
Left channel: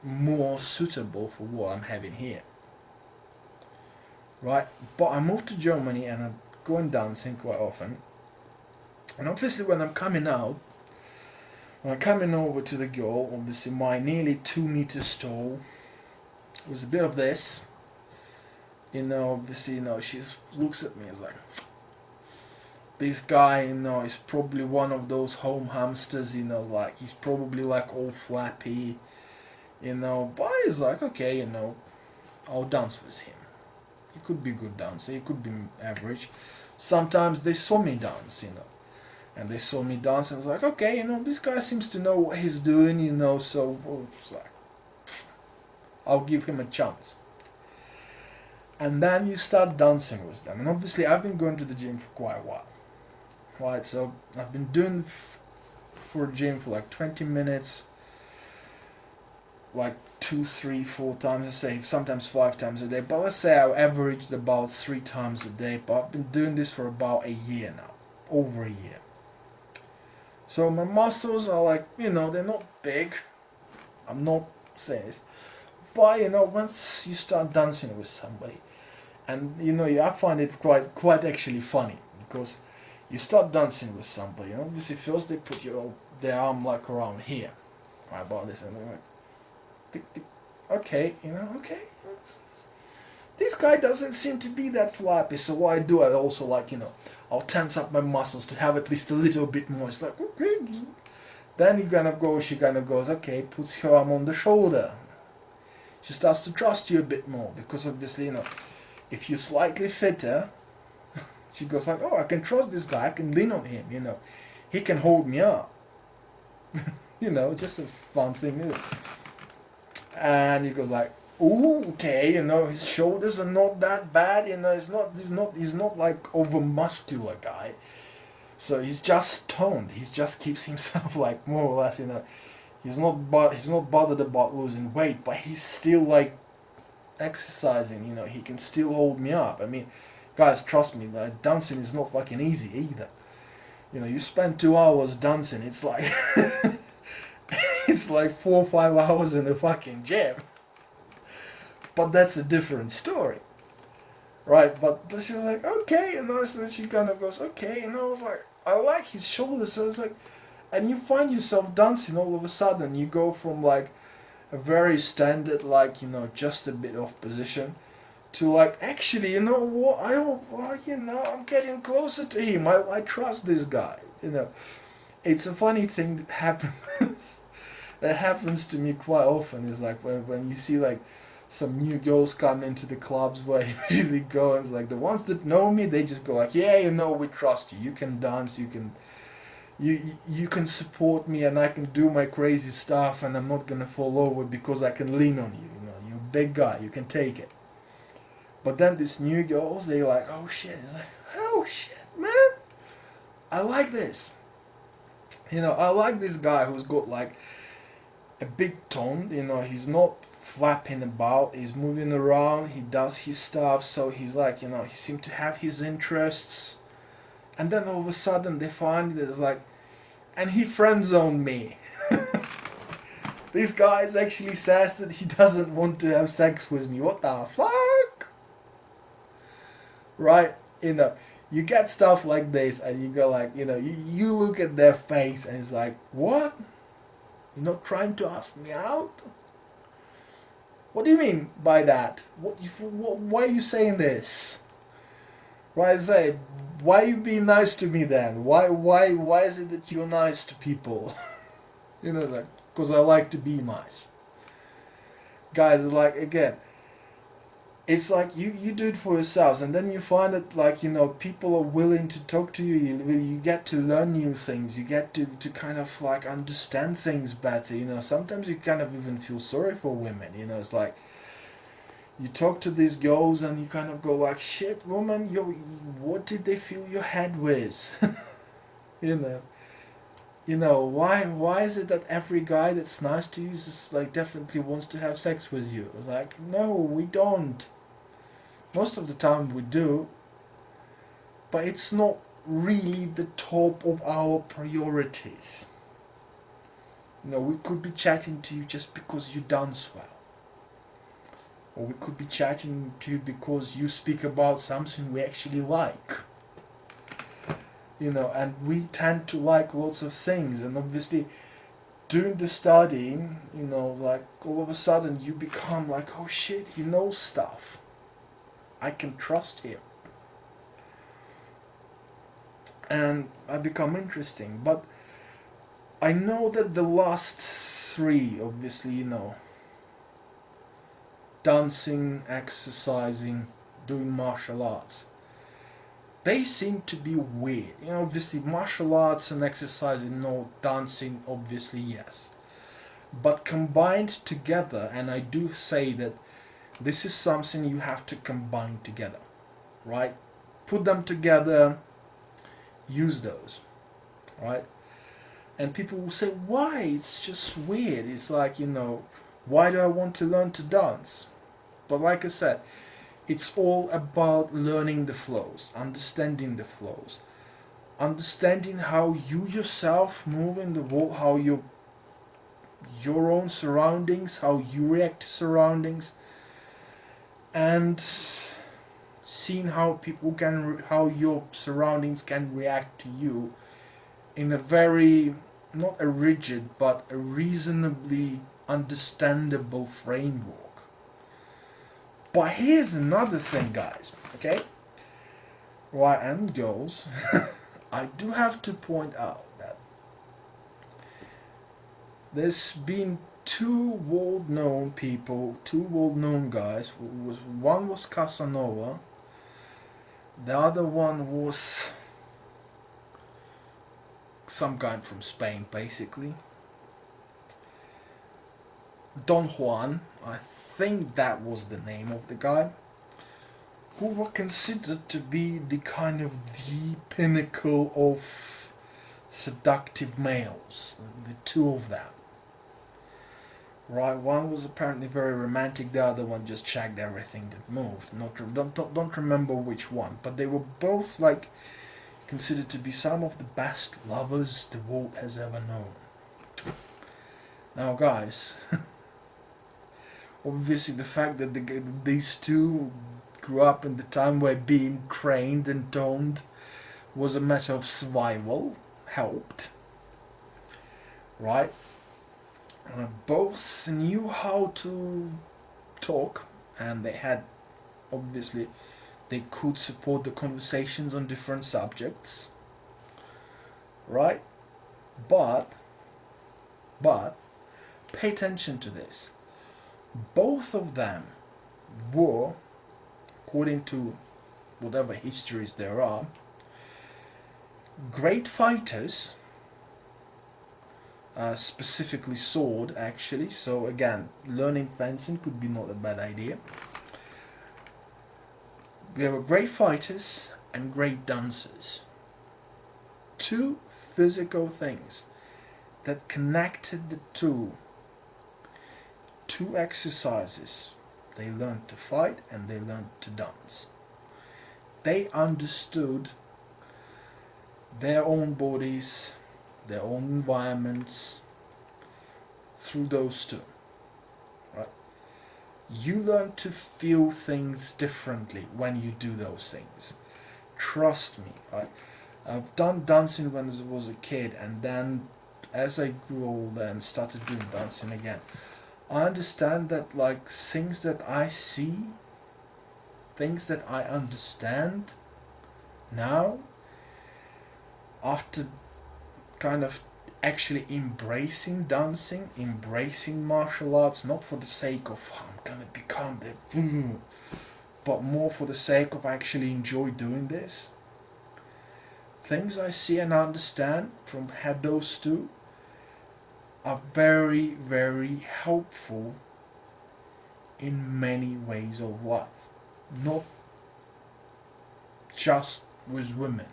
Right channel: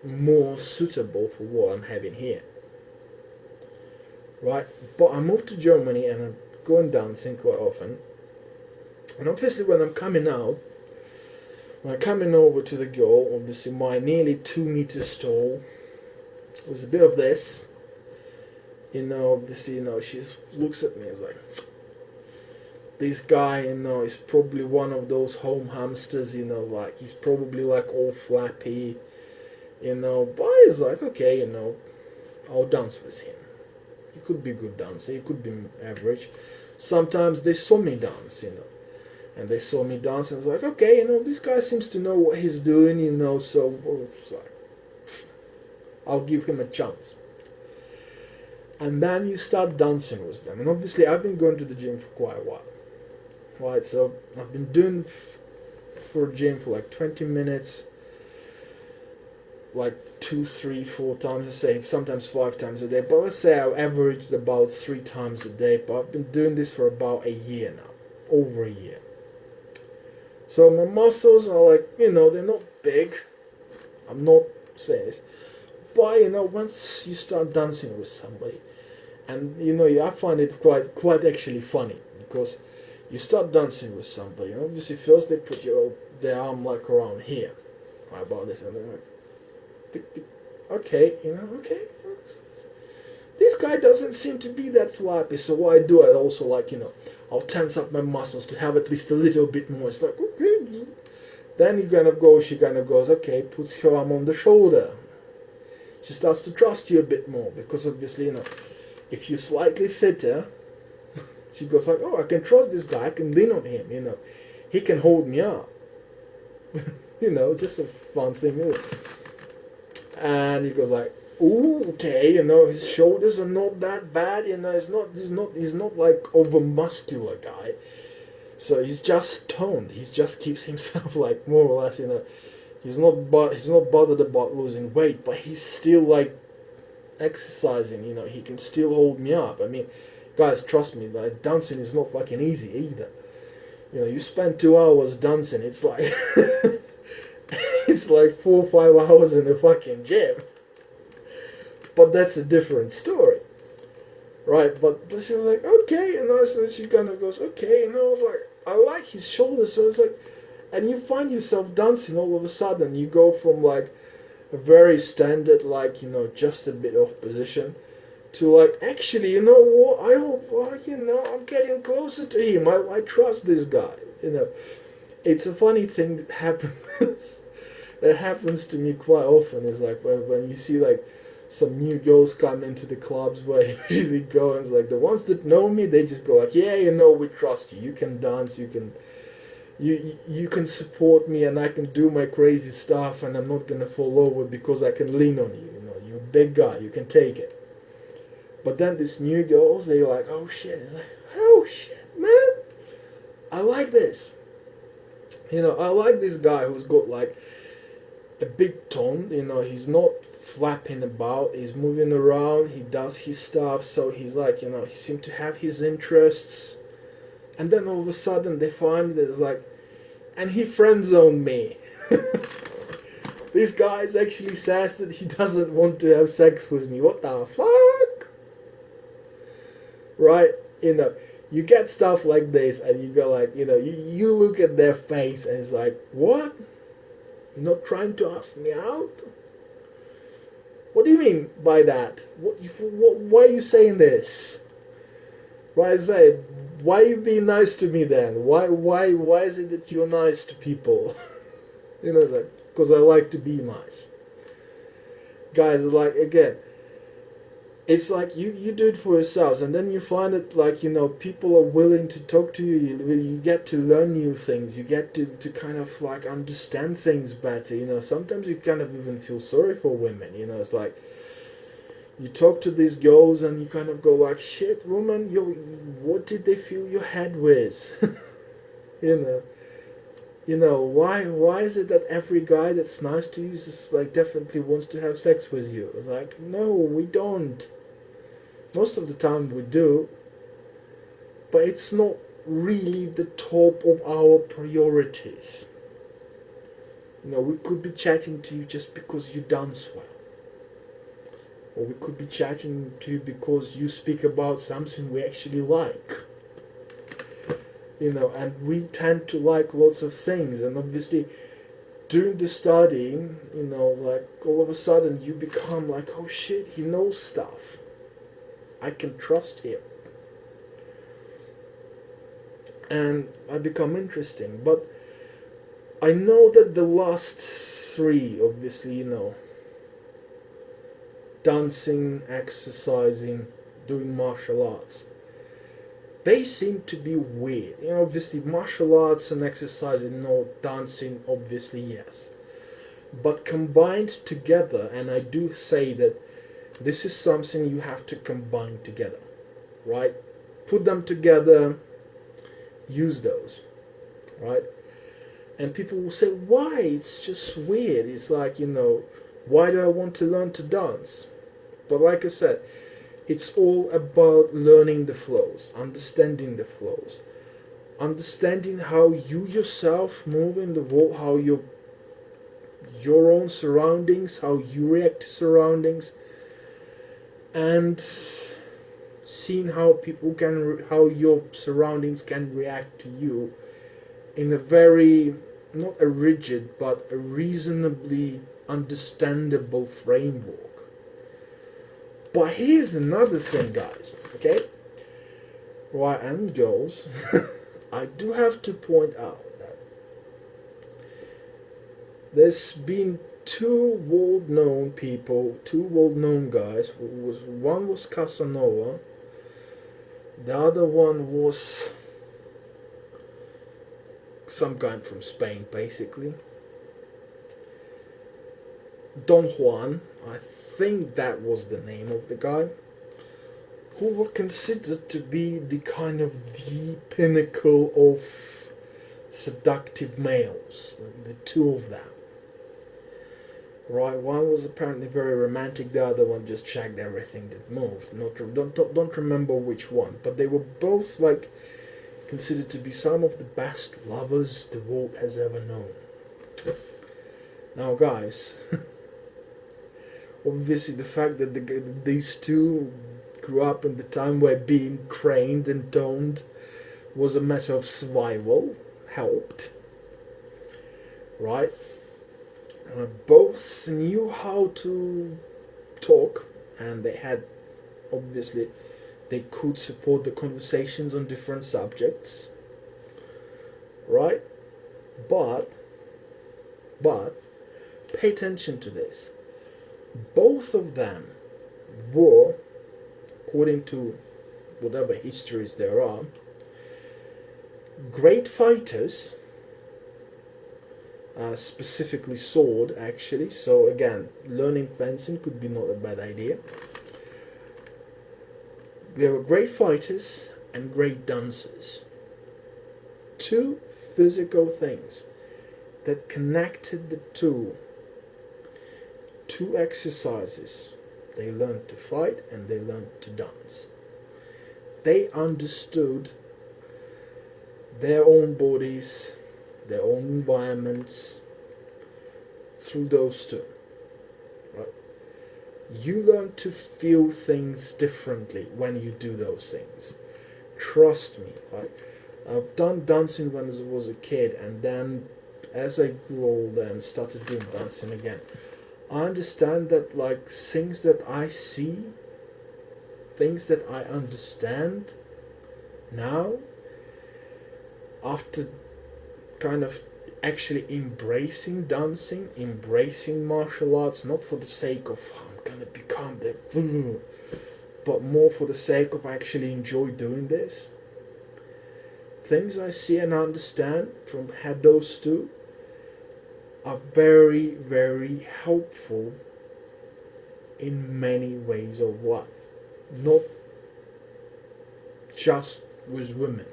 more suitable for what I'm having here. Right? But I moved to Germany and I'm going dancing quite often. And obviously when I'm coming out, when I'm coming over to the girl, obviously my nearly 2 meters tall, was a bit of this. You know, obviously, you know, she looks at me as like, this guy, you know, is probably one of those home hamsters, you know, like he's probably like all flappy, you know, but he's like, okay, you know, I'll dance with him. He could be a good dancer, he could be average. Sometimes they saw me dance, you know, and they saw me dance and it's like, okay, you know, this guy seems to know what he's doing, you know, so it's like, I'll give him a chance. And then you start dancing with them. And obviously I've been going to the gym for quite a while. Right, so I've been doing for gym for like 20 minutes, like 2, 3, 4 times, I say, sometimes 5 times a day. But let's say I averaged about 3 times a day. But I've been doing this for about a year now, over a year. So my muscles are like, you know, they're not big. I'm not saying this, but you know, once you start dancing with somebody, and you know, I find it quite actually funny, because you start dancing with somebody, and obviously first they put their arm like around here, right about this, and they're like, tick, tick, okay, okay. This guy doesn't seem to be that flappy, so what I do, I also like, I'll tense up my muscles to have at least a little bit more. It's like, okay. Then she kind of goes, okay, puts her arm on the shoulder. She starts to trust you a bit more because obviously, if you're slightly fitter, she goes like, oh, I can trust this guy, I can lean on him, he can hold me up. Just a fun thing. And he goes like, oh, okay, his shoulders are not that bad, he's not like over muscular guy. So he's just toned. He just keeps himself like more or less, he's not bothered about losing weight, but he's still like exercising, he can still hold me up. I mean, guys, trust me, dancing is not fucking easy either. You spend 2 hours dancing, it's like it's like 4 or 5 hours in the fucking gym. But that's a different story, right? But she's like, okay, so she kind of goes, okay, I was like, I like his shoulders. So it's like, and you find yourself dancing all of a sudden. You go from like a very standard, like, just a bit off position, to like, actually, what, I'm getting closer to him. I trust this guy. It's a funny thing that happens. It happens to me quite often. Is like when you see like some new girls come into the clubs where I usually go, and it's like the ones that know me, they just go like, yeah, we trust you. You can dance. You can support me, and I can do my crazy stuff, and I'm not gonna fall over because I can lean on you. You're a big guy. You can take it. But then these new girls, they're like, oh shit. It's like, oh shit, man. I like this. I like this guy who's got like a big tone. He's not flapping about. He's moving around. He does his stuff. So he's like, he seems to have his interests. And then all of a sudden they find that it's like, and he friend zoned me. This guy actually says that he doesn't want to have sex with me. What the fuck? Right? You get stuff like this, and you go like, you look at their face, and it's like, what? You're not trying to ask me out? What do you mean by that? Why are you saying this? Right, I say, why are you being nice to me then? Why is it that you're nice to people? Like, because I like to be nice. Guys, like, again, it's like you do it for yourselves, and then you find that, like, people are willing to talk to you. You get to learn new things. You get to kind of like understand things better. Sometimes you kind of even feel sorry for women. It's like you talk to these girls and you kind of go like, shit, woman, what did they fill your head with? Why is it that every guy that's nice to you is just like definitely wants to have sex with you? It's like, no, we don't. Most of the time we do, but it's not really the top of our priorities. We could be chatting to you just because you dance well. Or we could be chatting to you because you speak about something we actually like. And we tend to like lots of things. And obviously, during the studying, like all of a sudden you become like, oh shit, he knows stuff. I can trust him. And I become interesting. But I know that the last three, obviously, dancing, exercising, doing martial arts, they seem to be weird. Obviously martial arts and exercising, no. Dancing, obviously, yes. But combined together, and I do say that this is something you have to combine together, right? Put them together, use those, right? And people will say, why? It's just weird. It's like, why do I want to learn to dance? But like I said, it's all about learning the flows, understanding the flows, understanding how you yourself move in the world, how your own surroundings, how you react to surroundings, and seeing how how your surroundings can react to you in a very, not a rigid, but a reasonably understandable framework. But here's another thing, guys, okay? Right, and girls, I do have to point out that there's been two world-known people, two world-known guys. One was Casanova, the other one was some guy from Spain, basically. Don Juan, I think that was the name of the guy, who were considered to be the kind of the pinnacle of seductive males, the two of them. Right, one was apparently very romantic, the other one just checked everything that moved. Don't remember which one, but they were both like considered to be some of the best lovers the world has ever known. Now, guys, obviously the fact that these two grew up in the time where being trained and toned was a matter of survival helped, right? Both knew how to talk, and they had, obviously, they could support the conversations on different subjects, right? But pay attention to this. Both of them were, according to whatever histories there are, great fighters, specifically sword, actually. So again, learning fencing could be not a bad idea. They were great fighters and great dancers. Two physical things that connected the two. Two exercises. They learned to fight and they learned to dance. They understood their own bodies, their own environments through those two, right? You learn to feel things differently when you do those things. Trust me, right? I've done dancing when I was a kid, and then as I grew older and started doing dancing again, I understand that like things that I see, things that I understand now, after kind of actually embracing dancing, embracing martial arts, not for the sake of I'm gonna become the, but more for the sake of actually enjoy doing this. Things I see and understand from those two are very, very helpful in many ways of life, not just with women.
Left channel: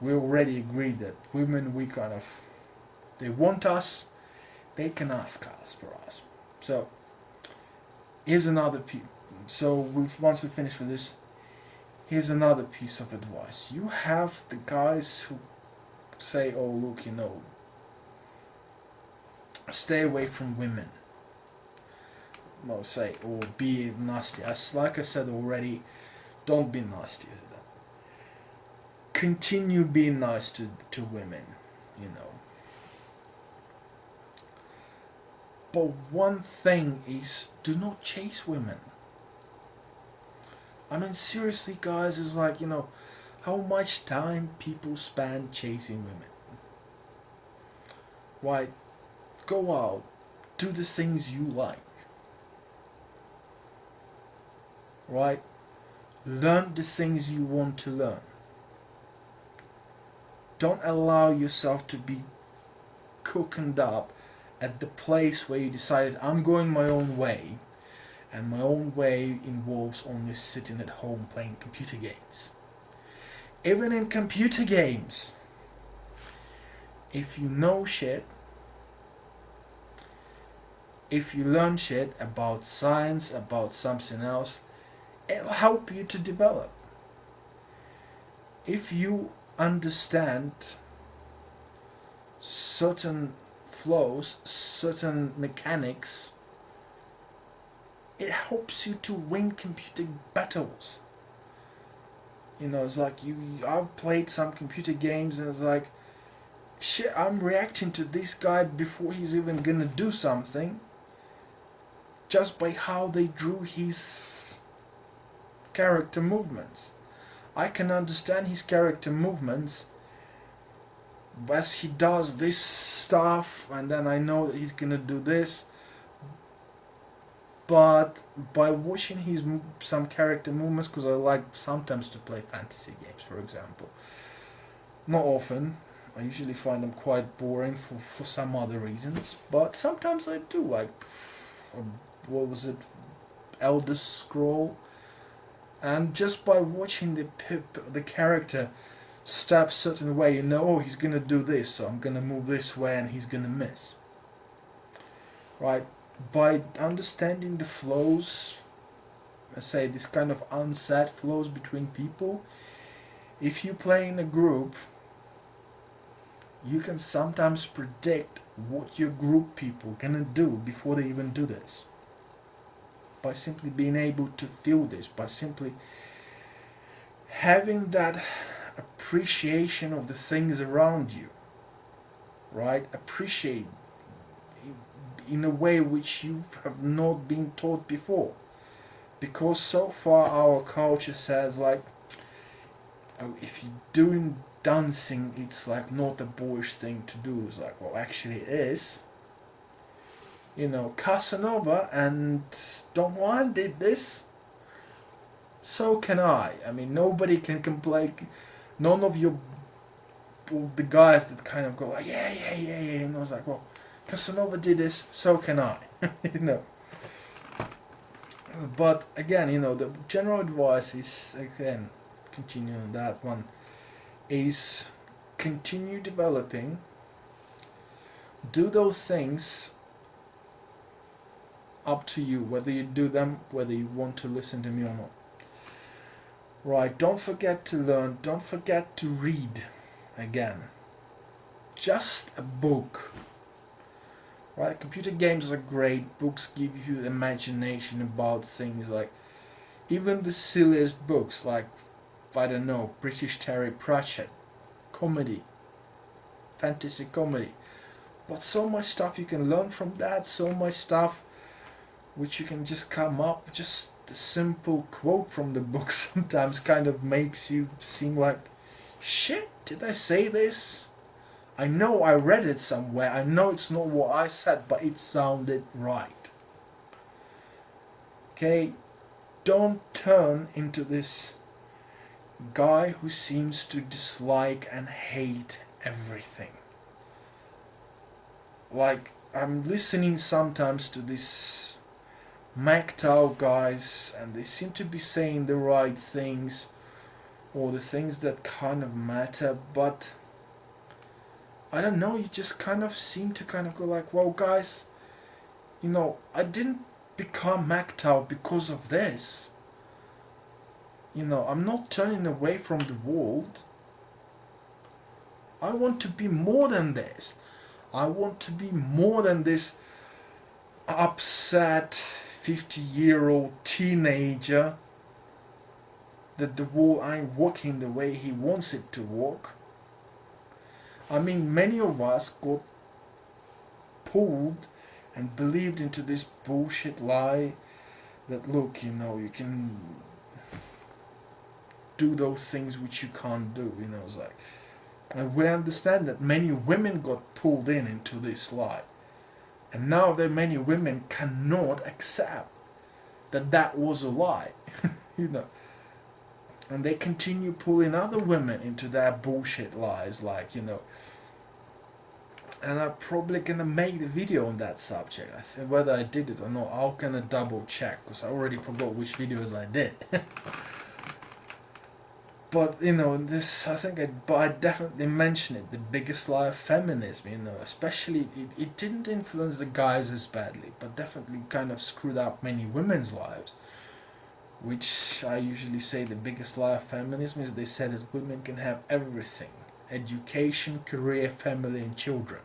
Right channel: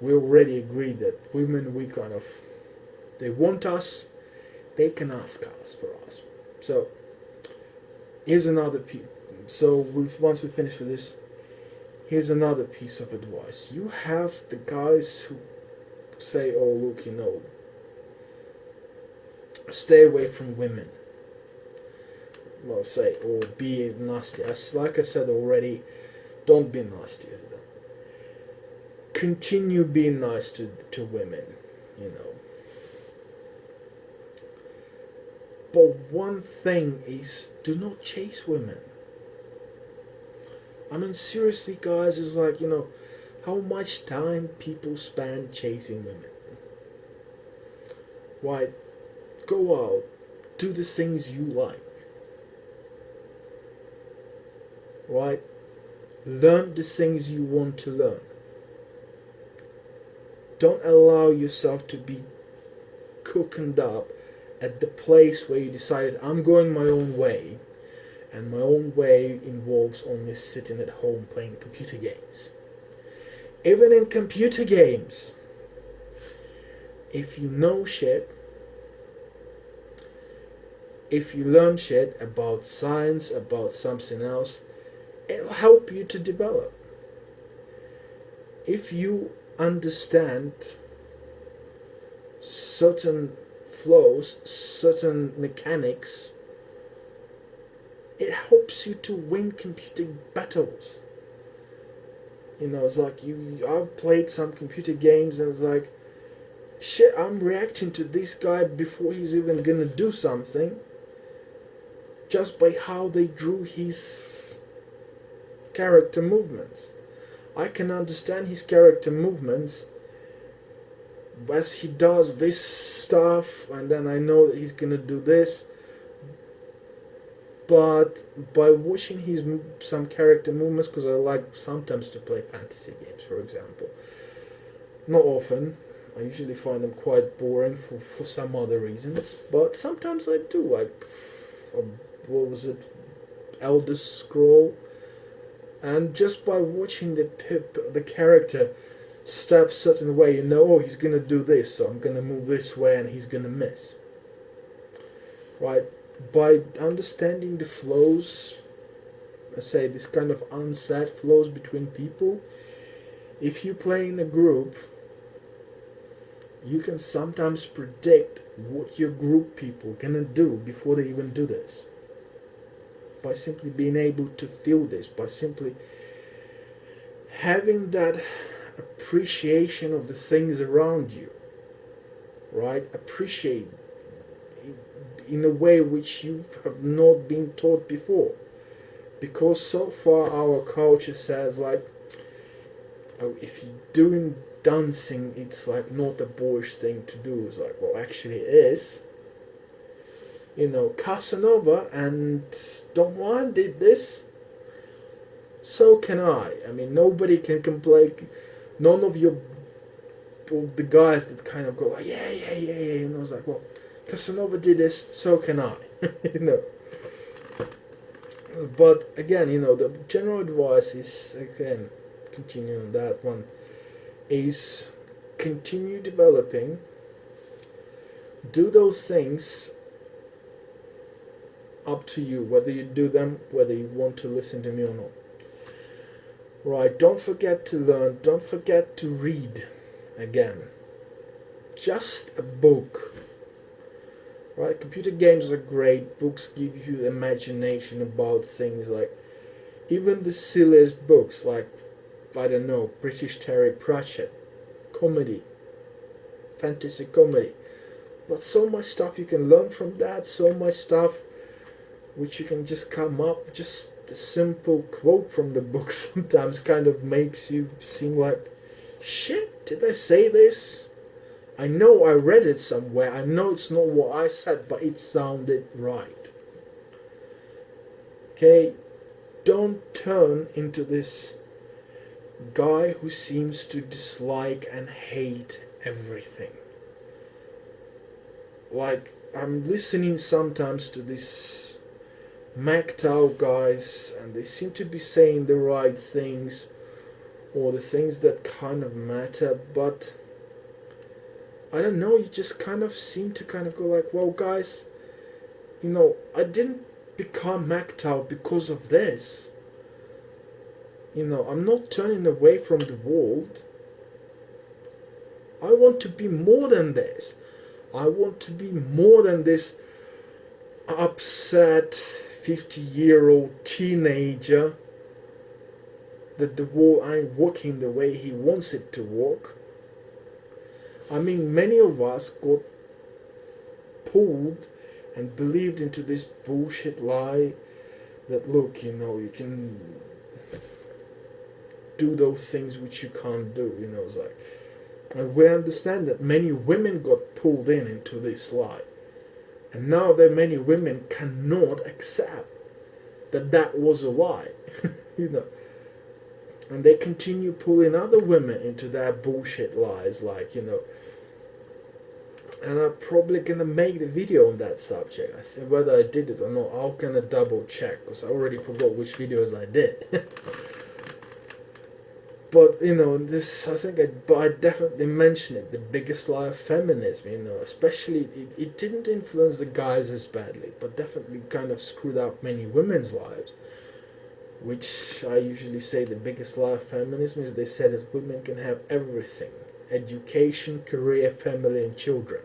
We already agreed that women, we kind of, they want us, they can ask us for us. So here's another piece. So once we finish with this, here's another piece of advice. You have the guys who say, oh look, stay away from women. Well, say, or be nasty. As like I said already, don't be nasty to them. Continue being nice to women, But one thing is, do not chase women. I mean, seriously, guys, it's like, how much time people spend chasing women. Why? Go out, do the things you like. Right? Learn the things you want to learn. Don't allow yourself to be cooking up at the place where you decided, I'm going my own way, and my own way involves only sitting at home playing computer games. Even in computer games, if you know shit, if you learn shit about science, about something else, it'll help you to develop. If you understand certain flows, certain mechanics, it helps you to win computer battles. It's like I've played some computer games, and it's like shit, I'm reacting to this guy before he's even gonna do something, just by how they drew his character movements. I can understand his character movements as he does this stuff, and then I know that he's gonna do this. But by watching his some character movements, because I like sometimes to play fantasy games, for example, not often. I usually find them quite boring for some other reasons, but sometimes I do. Like, what was it, Elder Scroll, and just by watching the character step certain way, you know, oh, he's gonna do this, so I'm gonna move this way, and he's gonna miss. Right? By understanding the flows, let's say this kind of unsaid flows between people, if you play in a group, you can sometimes predict what your group people gonna do before they even do this. By simply being able to feel this, by simply having that appreciation of the things around you, right? Appreciate in a way which you have not been taught before. Because so far our culture says, like, oh, if you're doing dancing, it's like not a boyish thing to do. It's like, well, actually it is. You know, Casanova and Don Juan did this, so can I. I mean, nobody can complain. None of the guys that kind of go, like, yeah, and I was like, well, Casanova did this, so can I. You know. But again, you know, the general advice is, again, continuing on that one, is continue developing, do those things, up to you, whether you do them, whether you want to listen to me or not. Right, don't forget to learn, don't forget to read, again. Just a book. Right, computer games are great, books give you imagination about things, like, even the silliest books, like, I don't know, British Terry Pratchett, comedy, fantasy comedy. But so much stuff you can learn from that, so much stuff which you can just come up, just a simple quote from the book sometimes kind of makes you seem like, shit, did I say this? I know I read it somewhere, I know it's not what I said, but it sounded right. Okay, don't turn into this guy who seems to dislike and hate everything. Like, I'm listening sometimes to this MGTOW guys, and they seem to be saying the right things, or the things that kind of matter, but I don't know, you just kind of seem to kind of go like, well, guys, you know, I didn't become MGTOW because of this. You know, I'm not turning away from the world. I want to be more than this. I want to be more than this upset 50-year-old teenager that the world ain't working the way he wants it to work. I mean, many of us got pulled and believed into this bullshit lie that, look, you know, you can do those things which you can't do, you know. It's like, and we understand that many women got pulled into this lie, and now that many women cannot accept that that was a lie. You know, and they continue pulling other women into their bullshit lies, like, you know. And I'm probably gonna make the video on that subject. I think whether I did it or not, I'm gonna double check, because I already forgot which videos I did. But, you know, this, I think I definitely mentioned it, the biggest lie of feminism, you know, especially, it didn't influence the guys as badly, but definitely kind of screwed up many women's lives, which I usually say the biggest lie of feminism is they said that women can have everything, education, career, family, and children,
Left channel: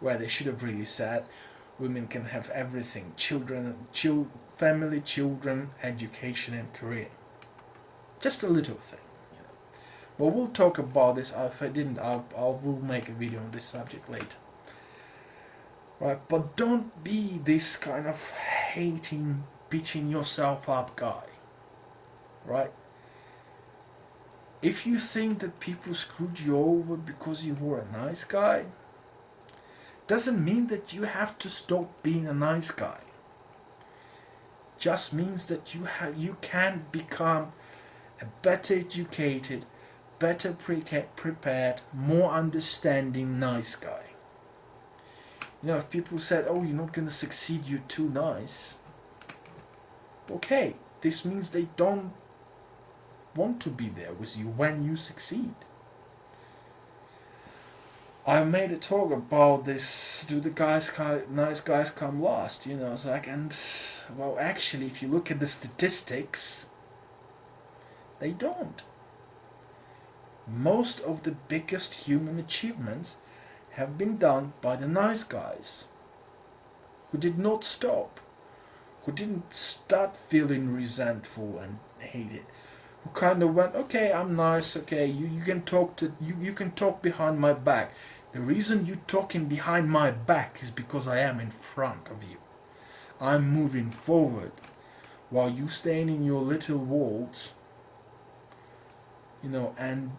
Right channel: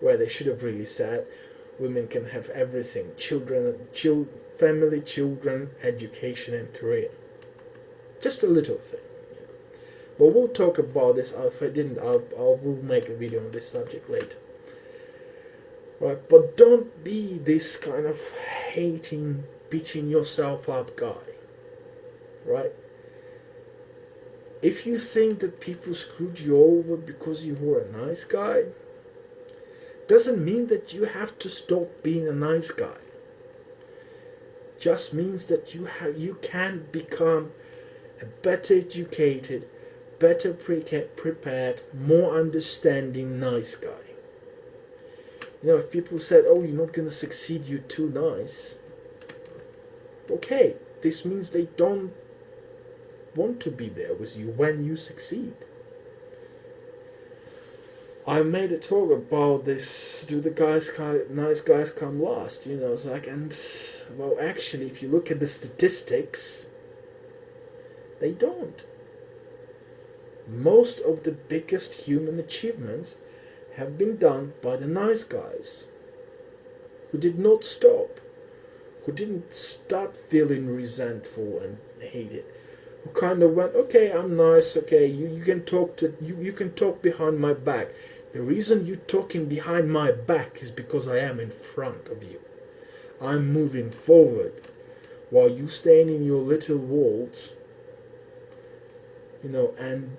where they should have really said women can have everything, family, children, education, and career. Just a little thing, you know. But we'll talk about this. If I didn't, I will make a video on this subject later. Right, but don't be this kind of hating, beating yourself up guy. Right? If you think that people screwed you over because you were a nice guy, doesn't mean that you have to stop being a nice guy. Just means that you can become a better educated, better prepared, more understanding nice guy. You know, if people said, "Oh, you're not gonna succeed, you're too nice," okay, this means they don't want to be there with you when you succeed. I made a talk about this. Do the nice guys come last? You know, it's like, and well, actually, if you look at the statistics, they don't. Most of the biggest human achievements have been done by the nice guys who did not stop, who didn't start feeling resentful and hate it, who kind of went, okay, I'm nice, okay, you can talk to you can talk behind my back. The reason you're talking behind my back is because I am in front of you. I'm moving forward while you staying in your little walls, you know, and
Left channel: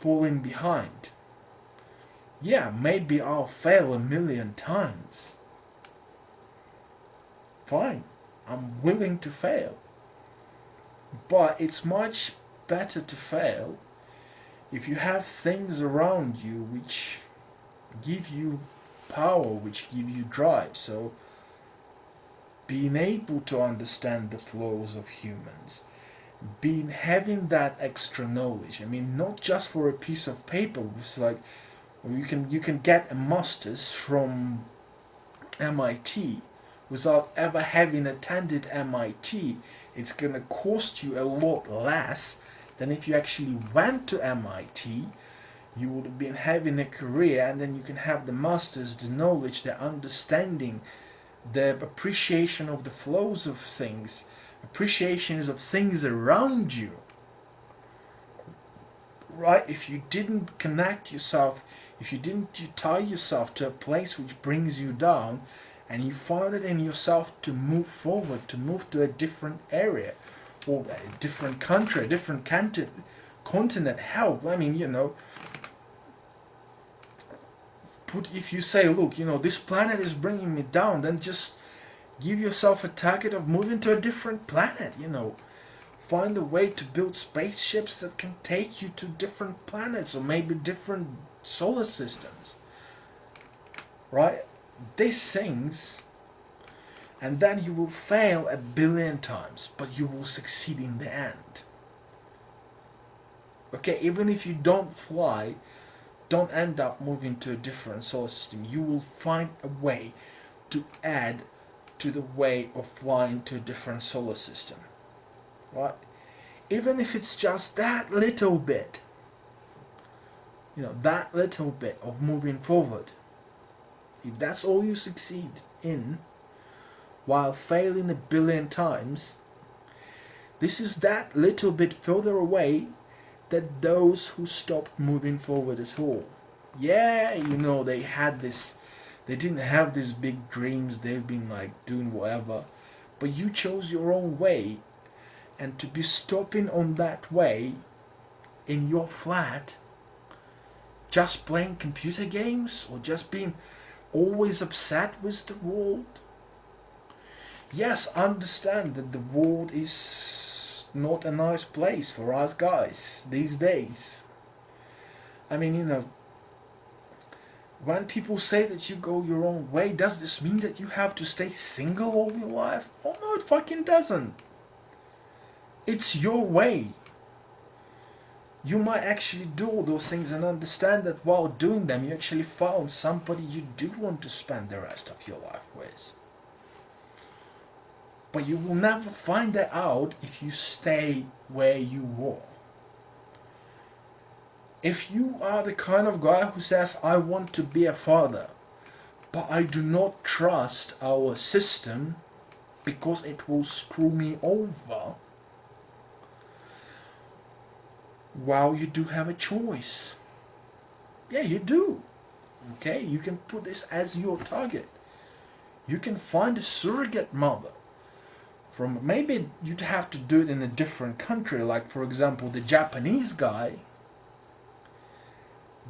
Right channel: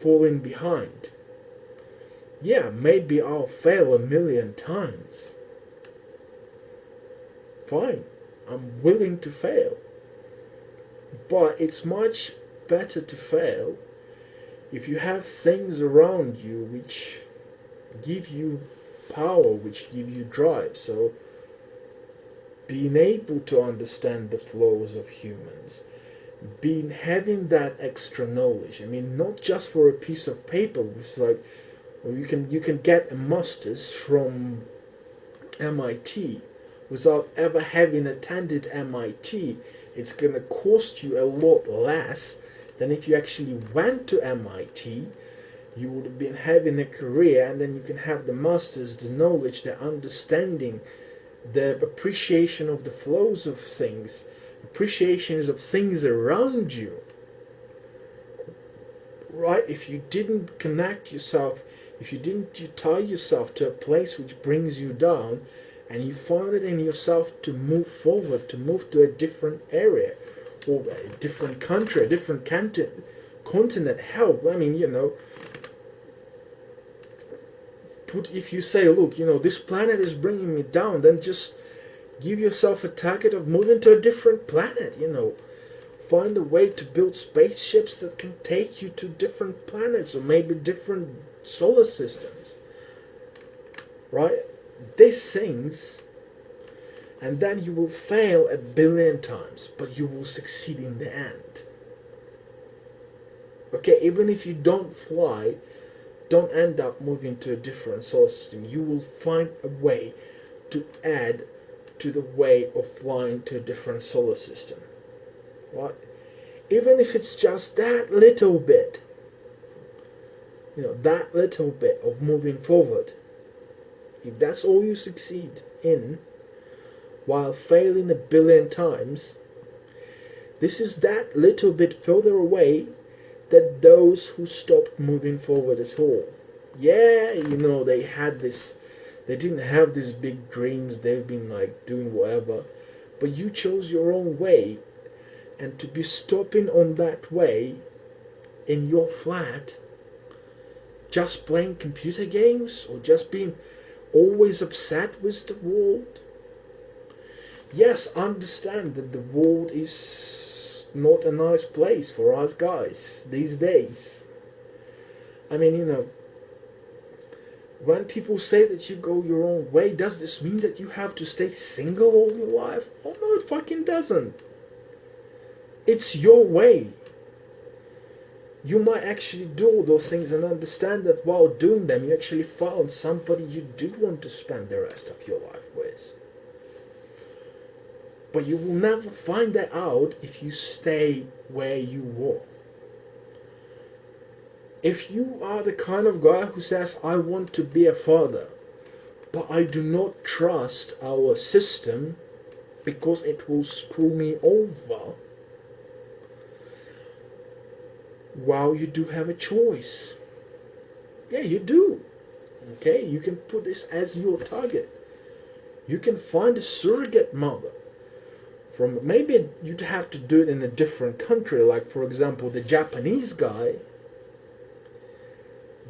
falling behind. Yeah, maybe I'll fail a million times. Fine, I'm willing to fail. But it's much better to fail if you have things around you which give you power, which give you drive. So being able to understand the flows of humans, having that extra knowledge. I mean, not just for a piece of paper. It's like, well, you can get a master's from MIT without ever having attended MIT. It's gonna cost you a lot less than if you actually went to MIT. You would have been having a career, and then you can have the masters, the knowledge, the understanding, the appreciation of the flows of things, appreciations of things around you. Right? If you didn't connect yourself, if you didn't tie yourself to a place which brings you down, and you find it in yourself to move forward, to move to a different area, or a different country, a different continent, help. I mean, you know, if you say, look, you know, this planet is bringing me down, then just give yourself a target of moving to a different planet, you know. Find a way to build spaceships that can take you to different planets, or maybe different solar systems. Right? These things, and then you will fail a billion times, but you will succeed in the end. Okay, even if you don't fly, don't end up moving to a different solar system. You will find a way to add to the way of flying to a different solar system. Right? Even if it's just that little bit, you know, that little bit of moving forward. If that's all you succeed in, while failing a billion times, this is that little bit further away than those who stopped moving forward at all. Yeah, you know, they didn't have these big dreams, they've been like doing whatever, but you chose your own way, and to be stopping on that way in your flat, just playing computer games, or just being always upset with the world. Yes, understand that the world is not a nice place for us guys these days. I mean, you know, when people say that you go your own way, does this mean that you have to stay single all your life? Oh no, it fucking doesn't. It's your way. You might actually do all those things and understand that while doing them, you actually found somebody you do want to spend the rest of your life with. But you will never find that out if you stay where you were. If you are the kind of guy who says, I want to be a father, but I do not trust our system because it will screw me over, While you do have a choice. Yeah, you do. Okay, you can put this as your target. You can find a surrogate mother. From maybe you'd have to do it in a different country, like for example the Japanese guy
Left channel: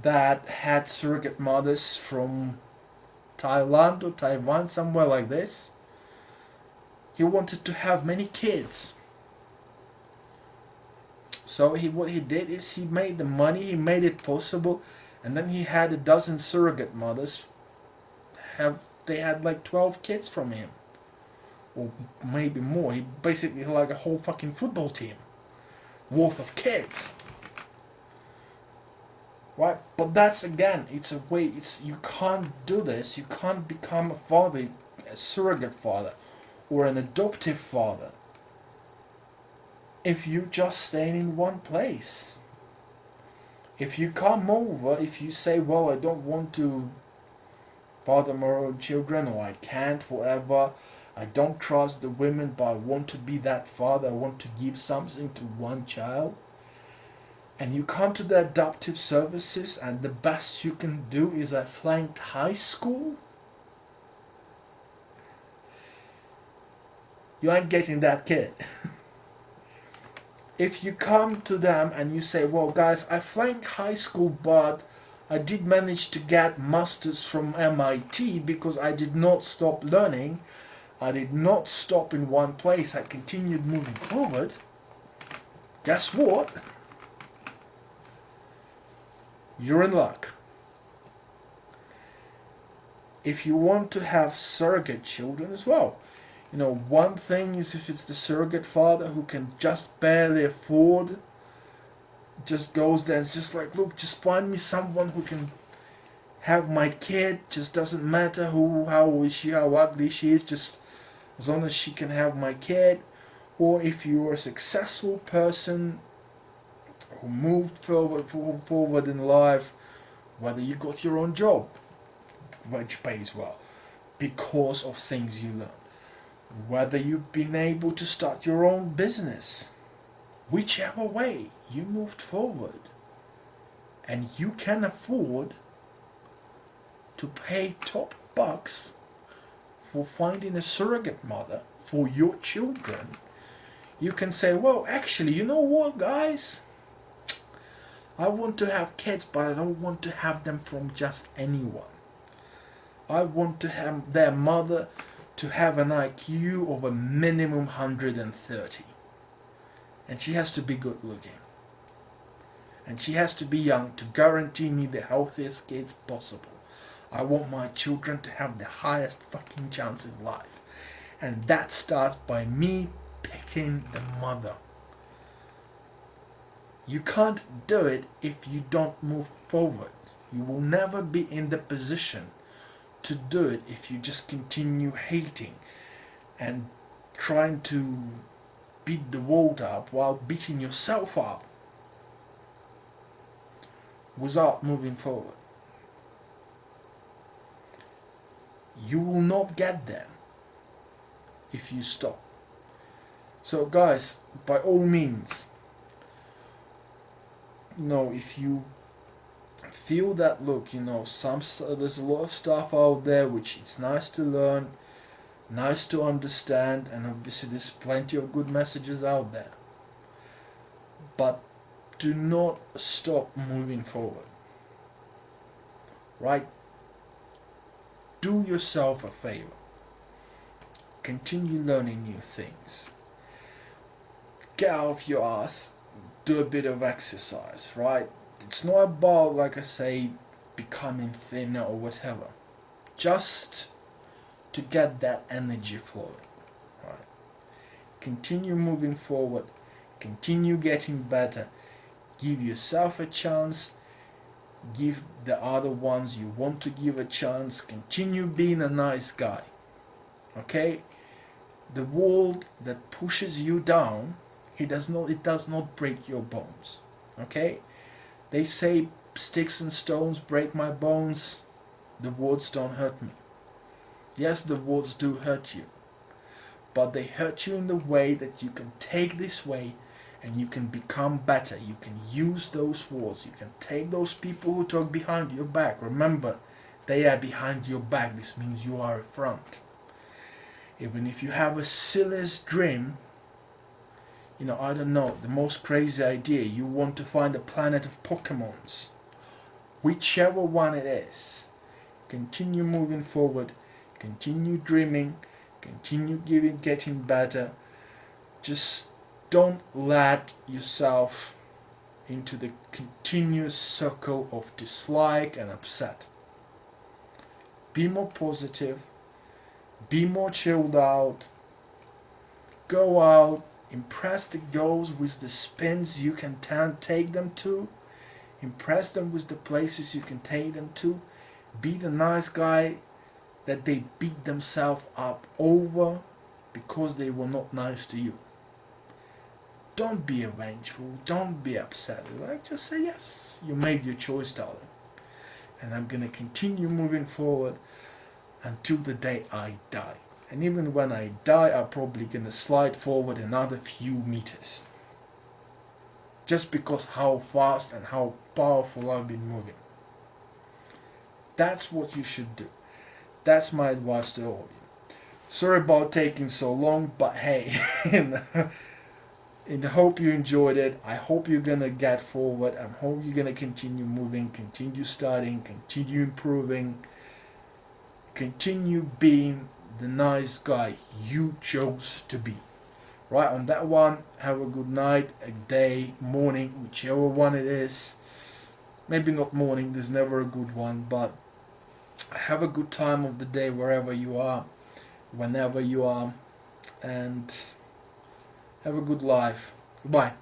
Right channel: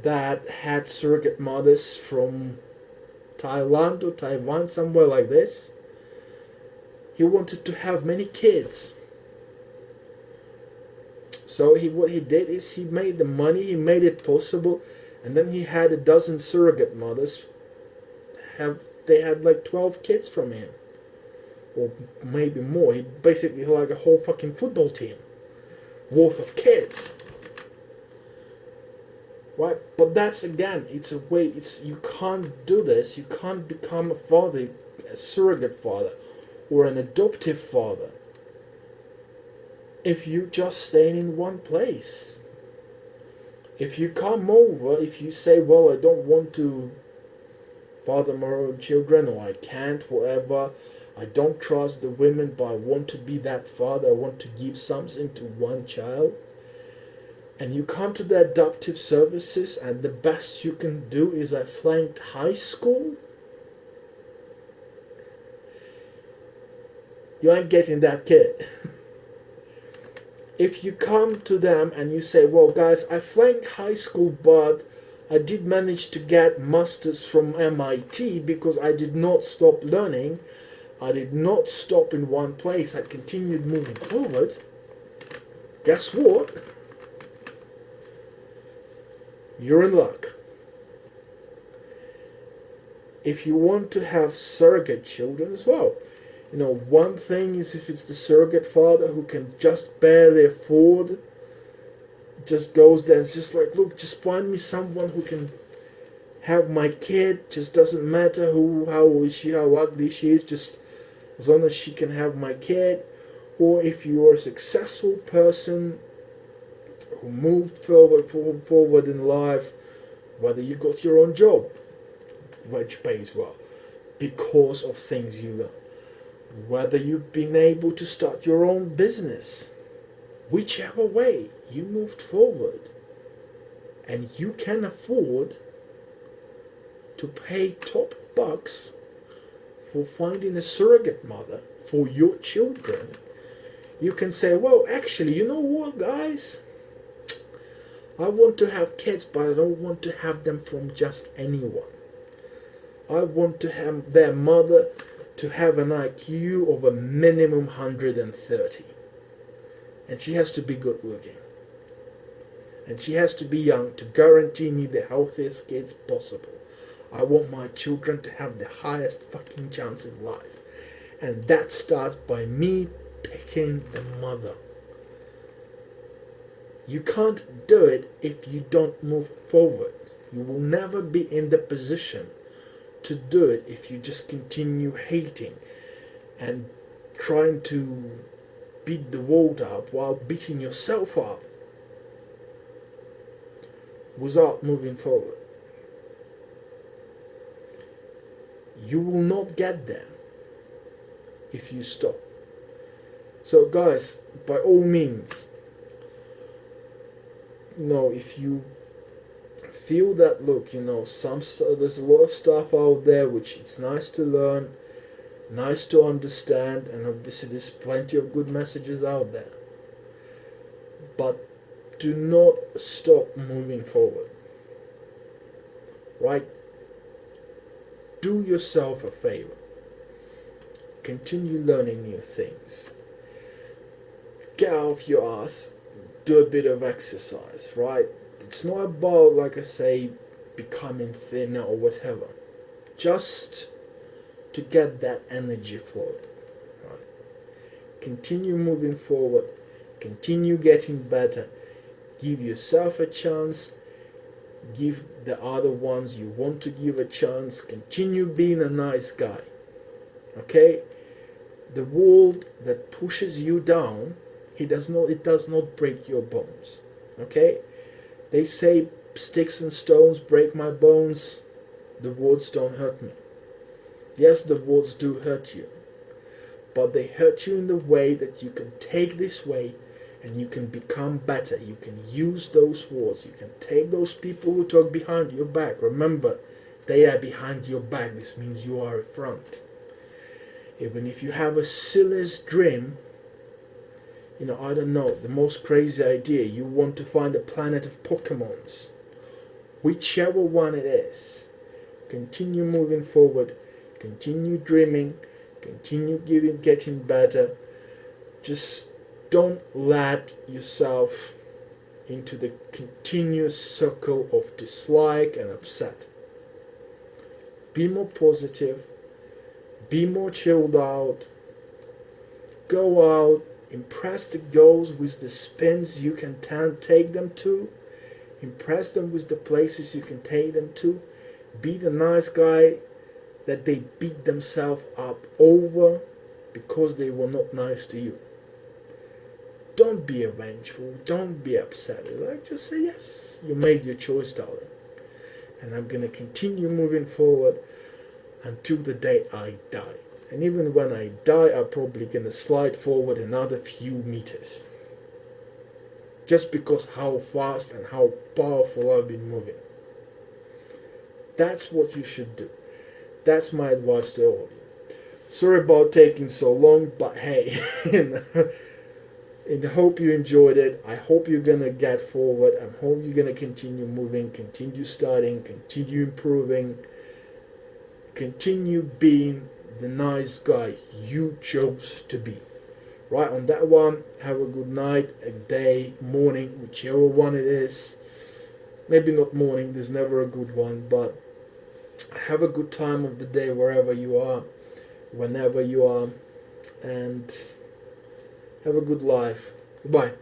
that had surrogate mothers from Thailand or Taiwan, somewhere like this. He wanted to have many kids. So what he did is he made the money, he made it possible, and then he had a dozen surrogate mothers. They had like 12 kids from him, or maybe more. He basically had like a whole fucking football team worth of kids. Right? But that's again, it's a way. You can't do this. You can't become a father, a surrogate father, or an adoptive father, if you just stay in one place. If you come over, if you say, well, I don't want to father my own children, or I can't, whatever, I don't trust the women, but I want to be that father, I want to give something to one child, and you come to the adoptive services, and the best you can do is a flanked high school, you ain't getting that kid. If you come to them and you say, well guys, I flanked high school, but I did manage to get masters from MIT because I did not stop learning, I did not stop in one place, I continued moving forward, guess what? You're in luck. If you want to have surrogate children as well, one thing is if it's the surrogate father who can just barely afford, just goes there and it's just like, look, just find me someone who can have my kid, just doesn't matter how old is she, how ugly she is, just as long as she can have my kid. Or if you're a successful person who moved forward in life, whether you got your own job, which pays well, because of things you learn, whether you've been able to start your own business, whichever way you moved forward, and you can afford to pay top bucks for finding a surrogate mother for your children, you can say, well, actually, you know what, guys? I want to have kids, but I don't want to have them from just anyone. I want to have their mother to have an IQ of a minimum 130. And she has to be good looking. And she has to be young to guarantee me the healthiest kids possible. I want my children to have the highest fucking chance in life. And that starts by me picking the mother. You can't do it if you don't move forward. You will never be in the position to do it if you just continue hating and trying to beat the world up while beating yourself up without moving forward. You will not get there if you stop. So guys, by all means, if you feel that, look, there's a lot of stuff out there which it's nice to learn, nice to understand, and obviously there's plenty of good messages out there, but do not stop moving forward. Right? Do yourself a favor. Continue learning new things. Get out of your ass, do a bit of exercise, right? It's not about, like I say, becoming thinner or whatever. Just to get that energy flowing. Right? Continue moving forward. Continue getting better. Give yourself a chance. Give the other ones you want to give a chance. Continue being a nice guy. Okay? The world that pushes you down, it does not break your bones. Okay? They say sticks and stones break my bones. The words don't hurt me. Yes, the words do hurt you. But they hurt you in the way that you can take this way and you can become better. You can use those words. You can take those people who talk behind your back. Remember, they are behind your back. This means you are in front. Even if you have a silliest dream, I don't know, the most crazy idea, you want to find a planet of Pokemons, whichever one it is, continue moving forward, continue dreaming, continue getting better. Just don't let yourself into the continuous circle of dislike and upset. Be more positive, be more chilled out, go out, impress the girls with the spins you can take them to, impress them with the places you can take them to, be the nice guy that they beat themselves up over because they were not nice to you. Don't be vengeful, don't be upset. Just say yes, you made your choice, darling. And I'm gonna continue moving forward until the day I die. And even when I die, I'm probably gonna slide forward another few meters. Just because how fast and how powerful I've been moving. That's what you should do. That's my advice to all of you. Sorry about taking so long, but hey, and I hope you enjoyed it. I hope you're gonna get forward. I hope you're gonna continue moving, continue studying, continue improving, continue being the nice guy you chose to be. Right, on that one, have a good night, a day, morning, whichever one it is. Maybe not morning, there's never a good one, but have a good time of the day wherever you are, whenever you are, and have a good life. Goodbye.